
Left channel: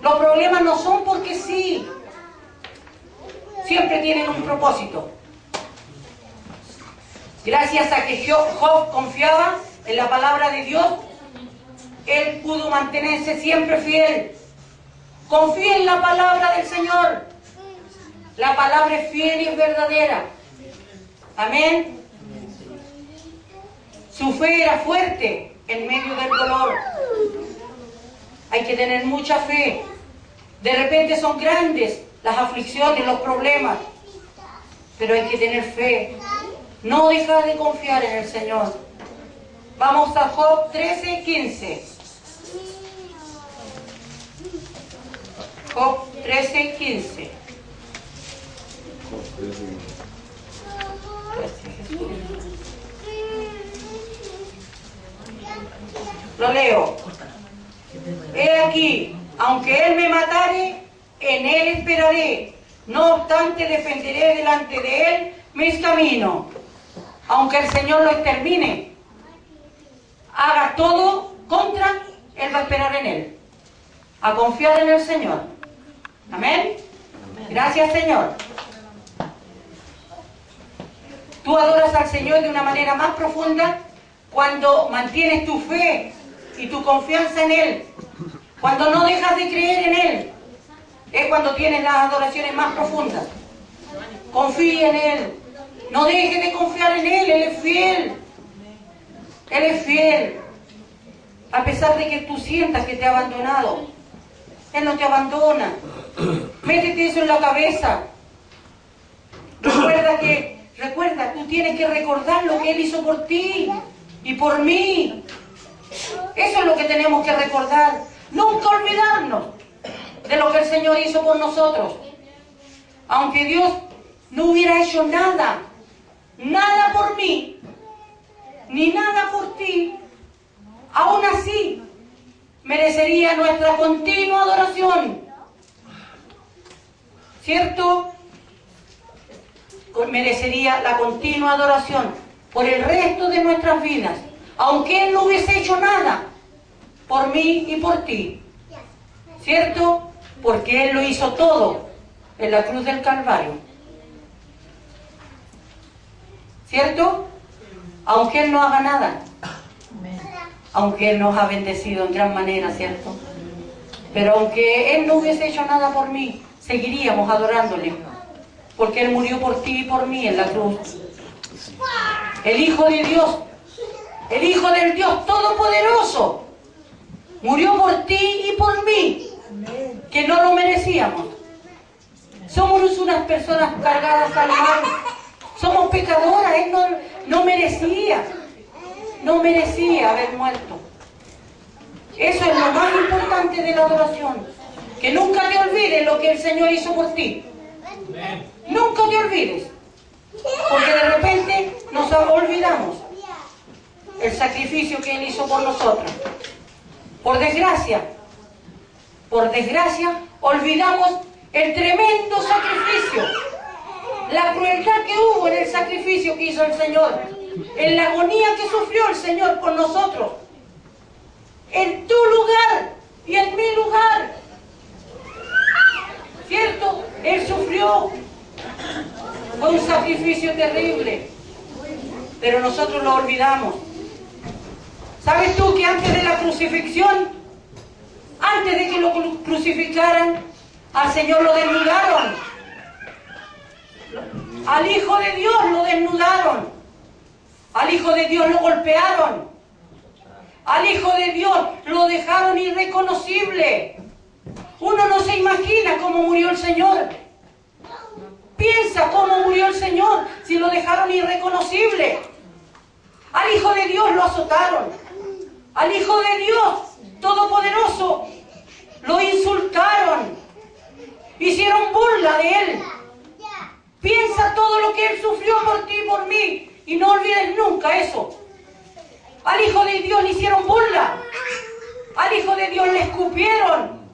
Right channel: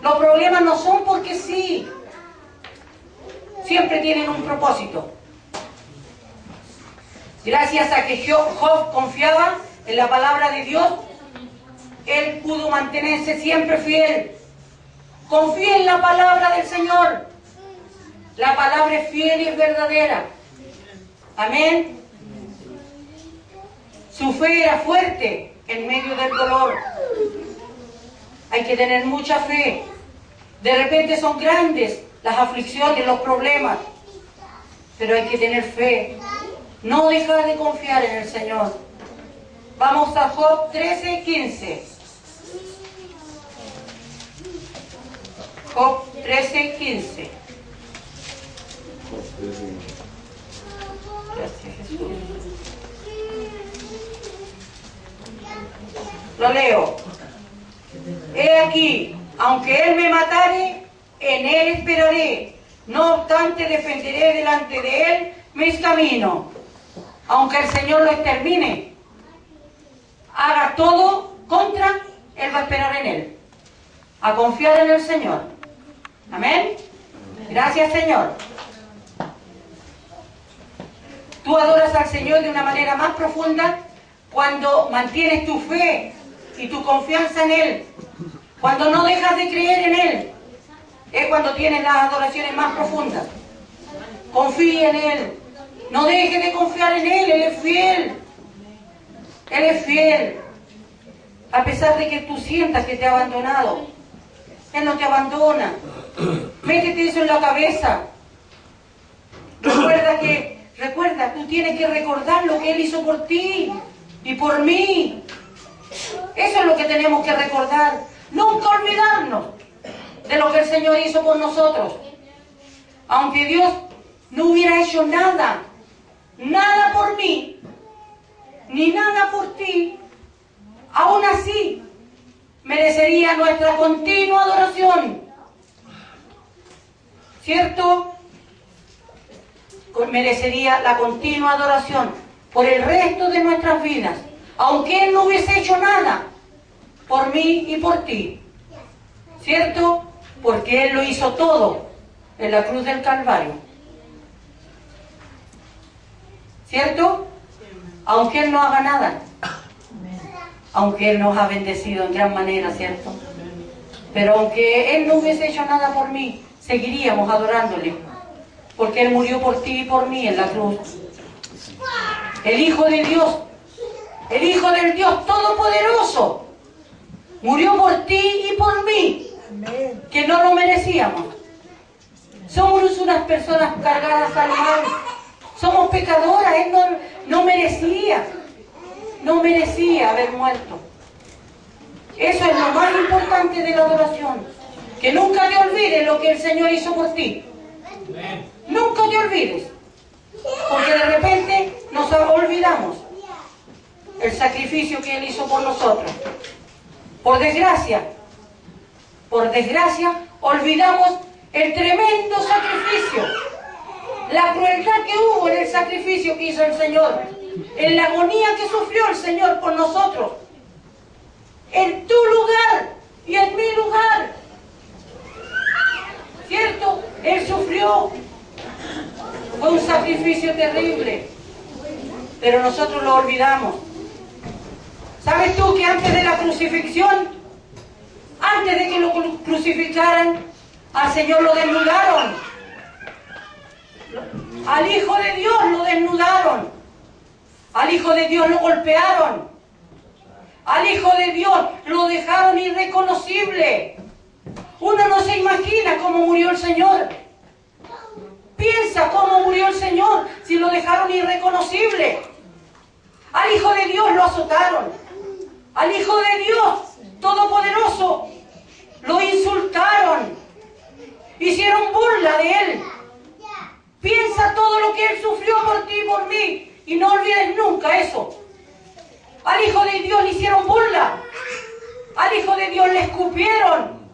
Los problemas no son porque sí. Siempre tienen un propósito. Gracias a que Job confiaba en la palabra de Dios, él pudo mantenerse siempre fiel. Confía en la palabra del Señor. La palabra es fiel y es verdadera. Amén. Su fe era fuerte en medio del dolor. Hay que tener mucha fe. De repente son grandes las aflicciones, los problemas, pero hay que tener fe. No dejar de confiar en el Señor. Vamos a Job 13:15. Job 13:15. Gracias, Jesús. Lo leo. He aquí, aunque Él me matare, en Él esperaré. No obstante, defenderé delante de Él mis caminos. Aunque el Señor lo extermine, haga todo contra, Él va a esperar en Él. A confiar en el Señor. Amén. Gracias, Señor. Tú adoras al Señor de una manera más profunda cuando mantienes tu fe y tu confianza en Él. Cuando no dejas de creer en Él, es cuando tienes las adoraciones más profundas. Confía en Él. No dejes de confiar en Él. Él es fiel. Él es fiel. A pesar de que tú sientas que te ha abandonado, Él no te abandona. Métete eso en la cabeza. Recuerda, tú tienes que recordar lo que Él hizo por ti y por mí. Eso es lo que tenemos que recordar. Nunca olvidarnos de lo que el Señor hizo por nosotros. Aunque Dios no hubiera hecho nada por mí, ni nada por ti, aún así merecería nuestra continua adoración. ¿Cierto? Merecería la continua adoración por el resto de nuestras vidas, aunque Él no hubiese hecho nada por mí y por ti. ¿Cierto? Porque Él lo hizo todo en la cruz del Calvario. ¿Cierto? Aunque Él no haga nada. Aunque Él nos ha bendecido en gran manera, ¿cierto? Pero aunque Él no hubiese hecho nada por mí, seguiríamos adorándole. Porque Él murió por ti y por mí en la cruz. El Hijo de Dios, el Hijo del Dios Todopoderoso, murió por ti y por mí, que no lo merecíamos. Somos unas personas cargadas al mal. Somos pecadoras. Él no merecía haber muerto. Eso es lo más importante de la adoración. Que nunca te olvides lo que el Señor hizo por ti. Nunca te olvides. Porque de repente nos olvidamos el sacrificio que Él hizo por nosotros. Por desgracia, olvidamos el tremendo sacrificio, la crueldad que hubo en el sacrificio que hizo el Señor, en la agonía que sufrió el Señor por nosotros, en tu lugar y en mi lugar. ¿Cierto? Él sufrió. Fue un sacrificio terrible, pero nosotros lo olvidamos. ¿Sabes tú que antes de la crucifixión, antes de que lo crucificaran, al Señor lo desnudaron? Al Hijo de Dios lo desnudaron. Al Hijo de Dios lo golpearon. Al Hijo de Dios lo dejaron irreconocible. Uno no se imagina cómo murió el Señor. Piensa cómo murió el Señor si lo dejaron irreconocible. Al Hijo de Dios lo azotaron. Al Hijo de Dios Todopoderoso lo insultaron. Hicieron burla de Él. Piensa todo lo que Él sufrió por ti y por mí. Y no olvides nunca eso. Al Hijo de Dios le hicieron burla. Al Hijo de Dios le escupieron.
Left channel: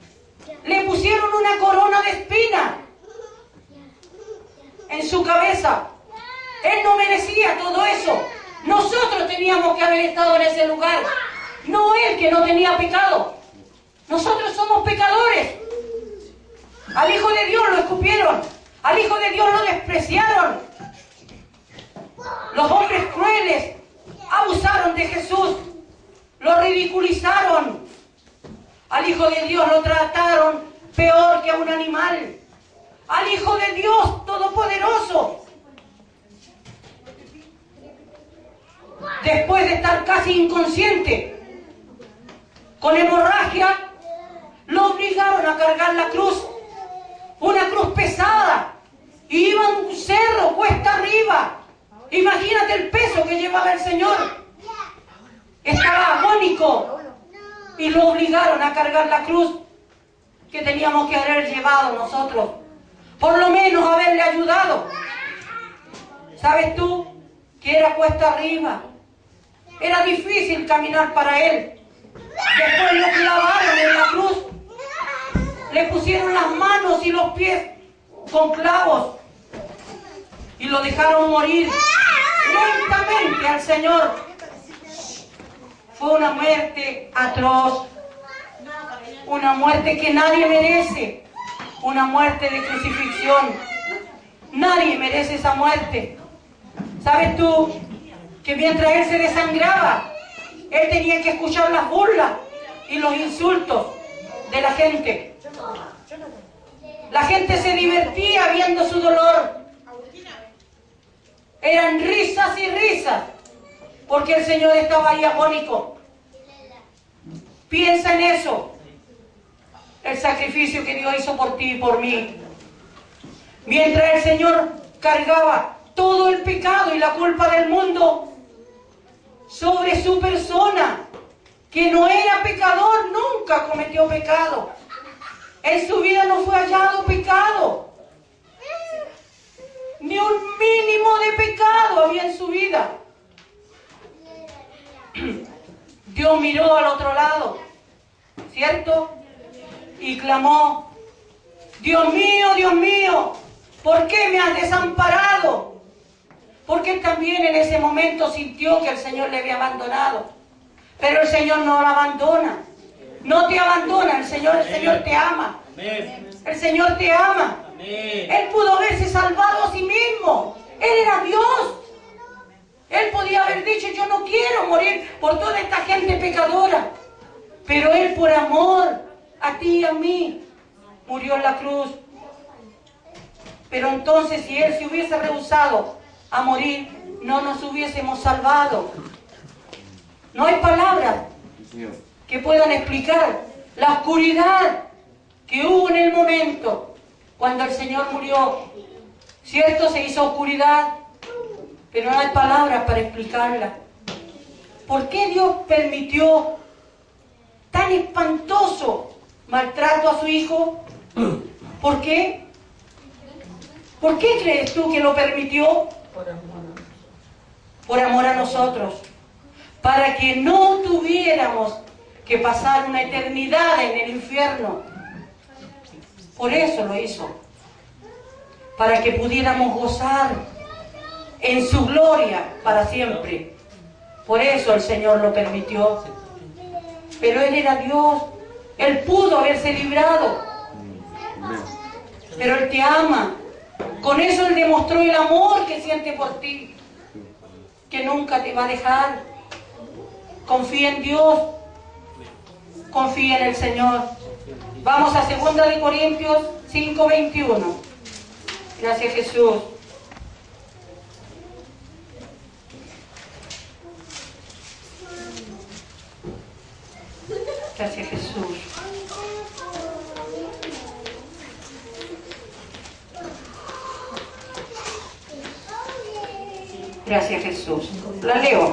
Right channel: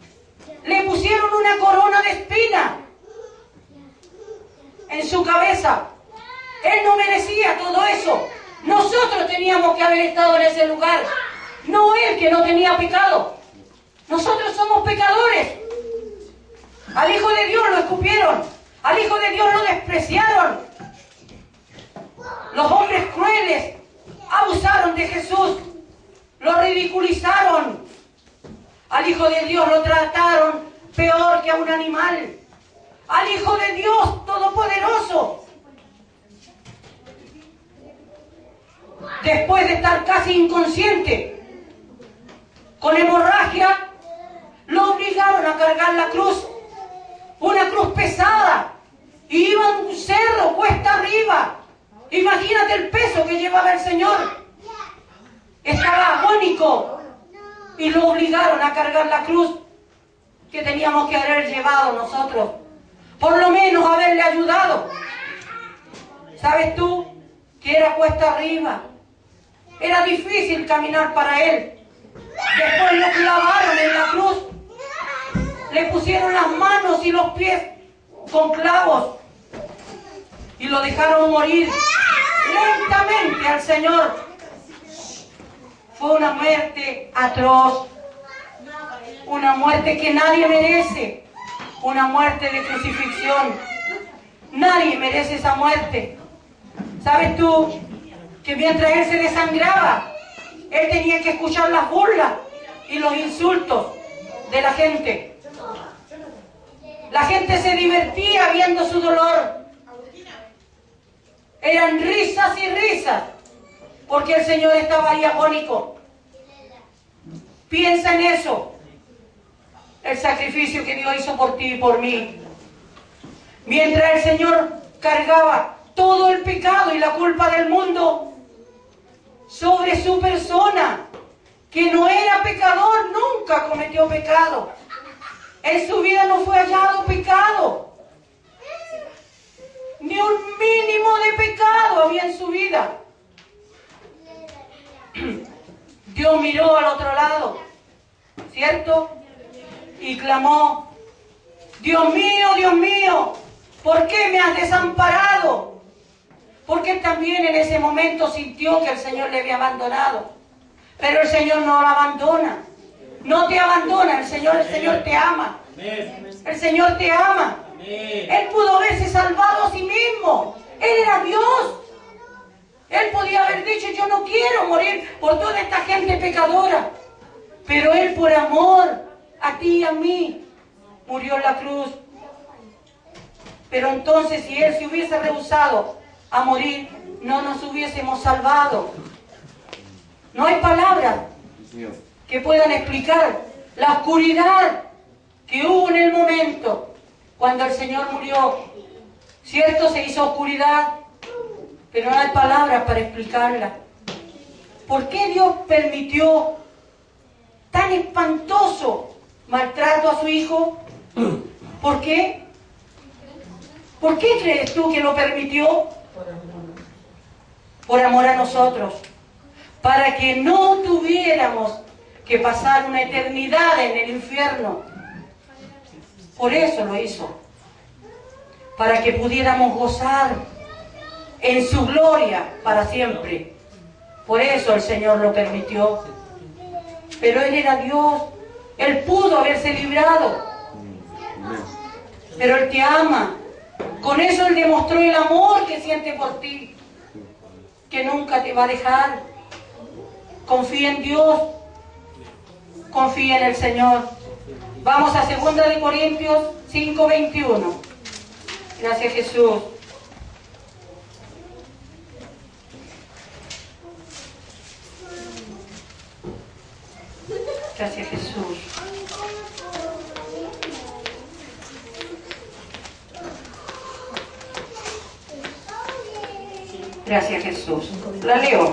Le pusieron una corona de espinas en su cabeza. Él no merecía todo eso. Nosotros teníamos que haber estado en ese lugar. No Él, que no tenía pecado. Nosotros somos pecadores. Al Hijo de Dios lo escupieron. Al Hijo de Dios lo despreciaron. Los hombres crueles abusaron de Jesús. Lo ridiculizaron. Al Hijo de Dios lo trataron peor que a un animal. Al Hijo de Dios Todopoderoso, después de estar casi inconsciente, con hemorragia, lo obligaron a cargar la cruz, una cruz pesada, y iba en un cerro, cuesta arriba. Imagínate el peso que llevaba el Señor. Estaba agónico, y lo obligaron a cargar la cruz que teníamos que haber llevado nosotros. Por lo menos haberle ayudado. ¿Sabes tú que era cuesta arriba? Era difícil caminar para Él. Después lo clavaron en la cruz. Le pusieron las manos y los pies con clavos. Y lo dejaron morir lentamente al Señor. Fue una muerte atroz. Una muerte que nadie merece. Una muerte de crucifixión. Nadie merece esa muerte. ¿Sabes tú que mientras Él se desangraba, Él tenía que escuchar las burlas y los insultos de la gente? La gente se divertía viendo su dolor. Eran risas y risas, porque el Señor estaba ahí agónico. Piensa en eso. El sacrificio que Dios hizo por ti y por mí. Mientras el Señor cargaba todo el pecado y la culpa del mundo sobre su persona, que no era pecador, nunca cometió pecado. En su vida no fue hallado pecado. Ni un mínimo de pecado había en su vida. Dios miró al otro lado, ¿cierto? Y clamó, Dios mío, ¿por qué me has desamparado? Porque él también en ese momento sintió que el Señor le había abandonado. Pero el Señor no lo abandona. No te abandona, el Señor te ama. El Señor te ama. Él pudo haberse salvado a sí mismo. Él era Dios. Él podía haber dicho, yo no quiero morir por toda esta gente pecadora. Pero Él por amor a ti y a mí murió en la cruz. Pero entonces si Él se hubiese rehusado a morir, no nos hubiésemos salvado. No hay palabras que puedan explicar la oscuridad que hubo en el momento cuando el Señor murió. Cierto, se hizo oscuridad, pero no hay palabras para explicarla. ¿Por qué Dios permitió tan espantoso maltrato a su Hijo? ¿Por qué? ¿Por qué crees tú que lo permitió? Por amor a nosotros. Para que no tuviéramos que pasar una eternidad en el infierno. Por eso lo hizo. Para que pudiéramos gozar en su gloria para siempre. Por eso el Señor lo permitió. Pero Él era Dios. Él pudo haberse librado. Pero Él te ama. Con eso Él demostró el amor que siente por ti. Que nunca te va a dejar. Confía en Dios. Confía en el Señor. Vamos a 2 de Corintios 5:21. Gracias, Jesús. Gracias, Jesús. Gracias, Jesús. La leo.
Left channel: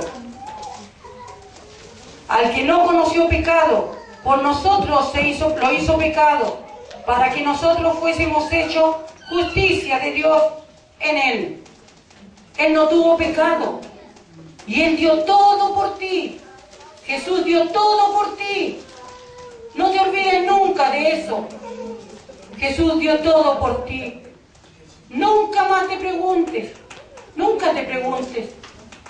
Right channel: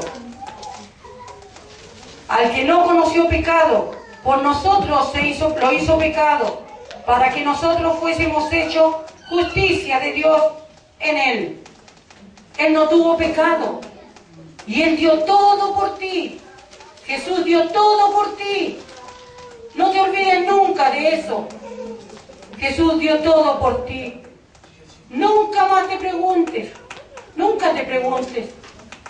Al que no conoció pecado, por nosotros lo hizo pecado, para que nosotros fuésemos hechos justicia de Dios en Él. Él no tuvo pecado. Y Él dio todo por ti. Jesús dio todo por ti. No te olvides nunca de eso. Jesús dio todo por ti. Nunca más te preguntes. Nunca te preguntes,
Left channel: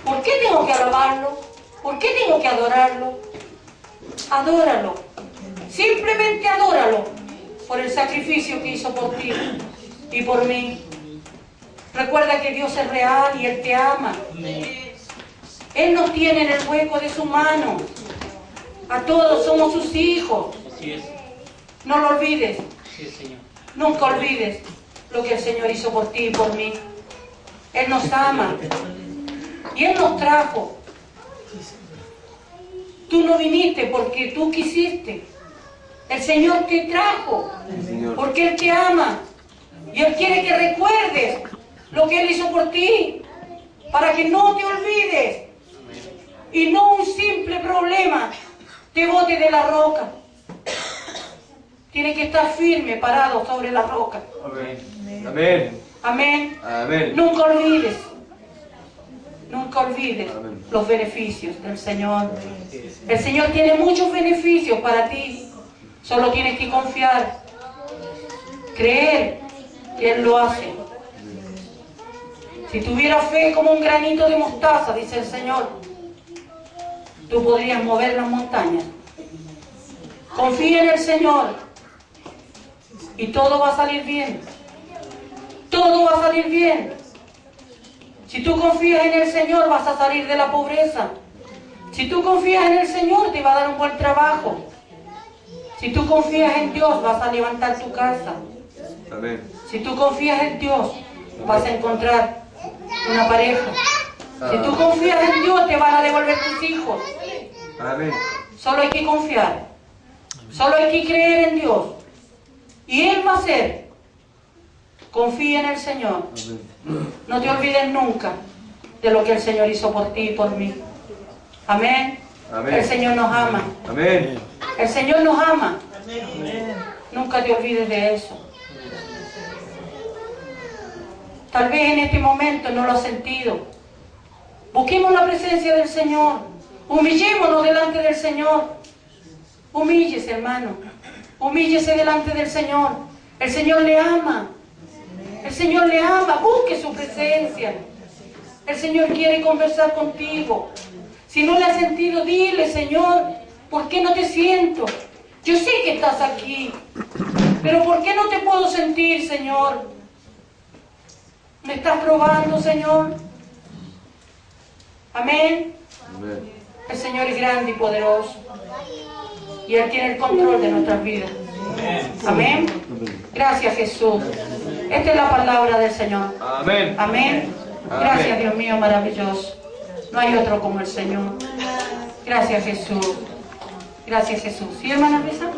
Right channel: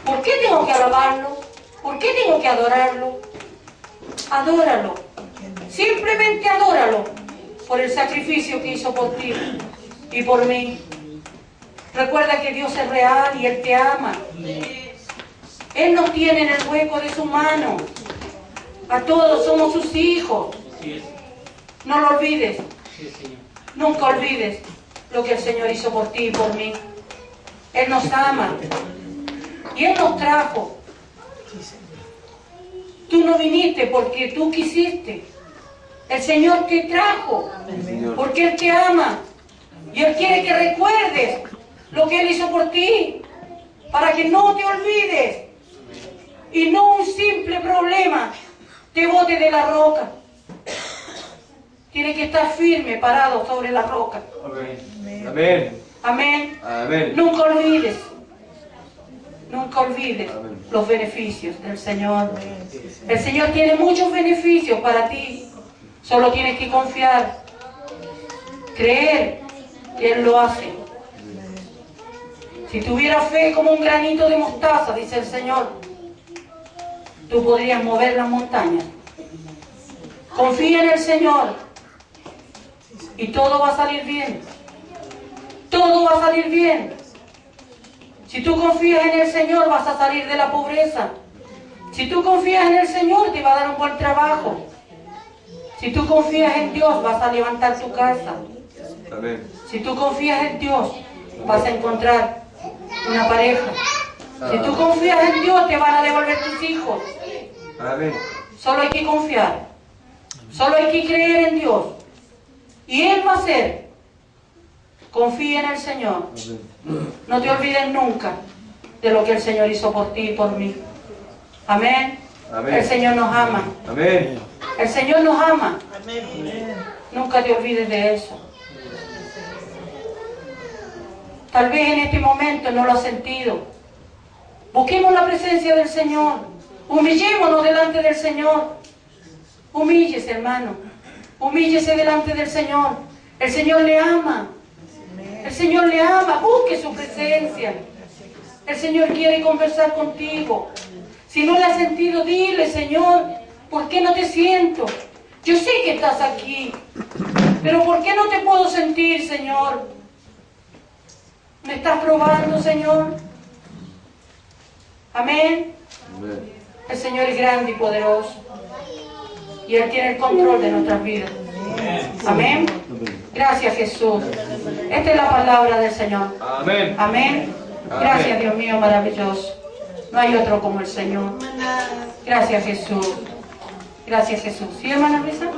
¿por qué tengo que alabarlo? ¿Por qué tengo que adorarlo? Adóralo. Simplemente adóralo por el sacrificio que hizo por ti y por mí. Recuerda que Dios es real y Él te ama. Él nos tiene en el hueco de su mano. A todos somos sus hijos. No lo olvides. Nunca olvides lo que el Señor hizo por ti y por mí. Él nos ama. Y Él nos trajo. Tú no viniste porque tú quisiste. El Señor te trajo porque Él te ama. Y Él quiere que recuerdes lo que Él hizo por ti. Para que no te olvides. Y no un simple problema te bote de la roca. Tienes que estar firme, parado sobre la roca. Amén. Amén. Amén. Amén. Nunca olvides. Nunca olvides Amén. los beneficios del Señor. El Señor tiene muchos beneficios para ti. Solo tienes que confiar. Creer que Él lo hace. Si tuviera fe como un granito de mostaza, dice el Señor, tú podrías mover las montañas. Confía en el Señor y todo va a salir bien. Todo va a salir bien. Si tú confías en el Señor, vas a salir de la pobreza. Si tú confías en el Señor, te va a dar un buen trabajo. Si tú confías en Dios, vas a levantar tu casa. Amén. Si tú confías en Dios, vas a encontrar una pareja. Si tú confías en Dios, te van a devolver tus hijos. Amén. Solo hay que confiar. Solo hay que creer en Dios. Y Él va a hacer. Confía en el Señor. No te olvides nunca de lo que el Señor hizo por ti y por mí. Amén. Amén. El Señor nos ama. Amén. El Señor nos ama. Nunca te olvides de eso. Tal vez en este momento no lo has sentido. Busquemos la presencia del Señor. Humillémonos delante del Señor. Humíllese, hermano. Humíllese delante del Señor. El Señor le ama. El Señor le ama. Busque su presencia. El Señor quiere conversar contigo. Si no le has sentido, dile, Señor, ¿por qué no te siento? Yo sé que estás aquí, pero ¿por qué no te puedo sentir, Señor? ¿Me estás probando, Señor? Amén. Amén. El Señor es grande y poderoso. Y Él tiene el control de nuestras vidas. Amén. Gracias, Jesús. Esta es la palabra del Señor. Amén. Amén. Gracias, Dios mío, maravilloso. No hay otro como el Señor. Gracias, Jesús. Gracias, Jesús. ¿Sí, hermana Luisa?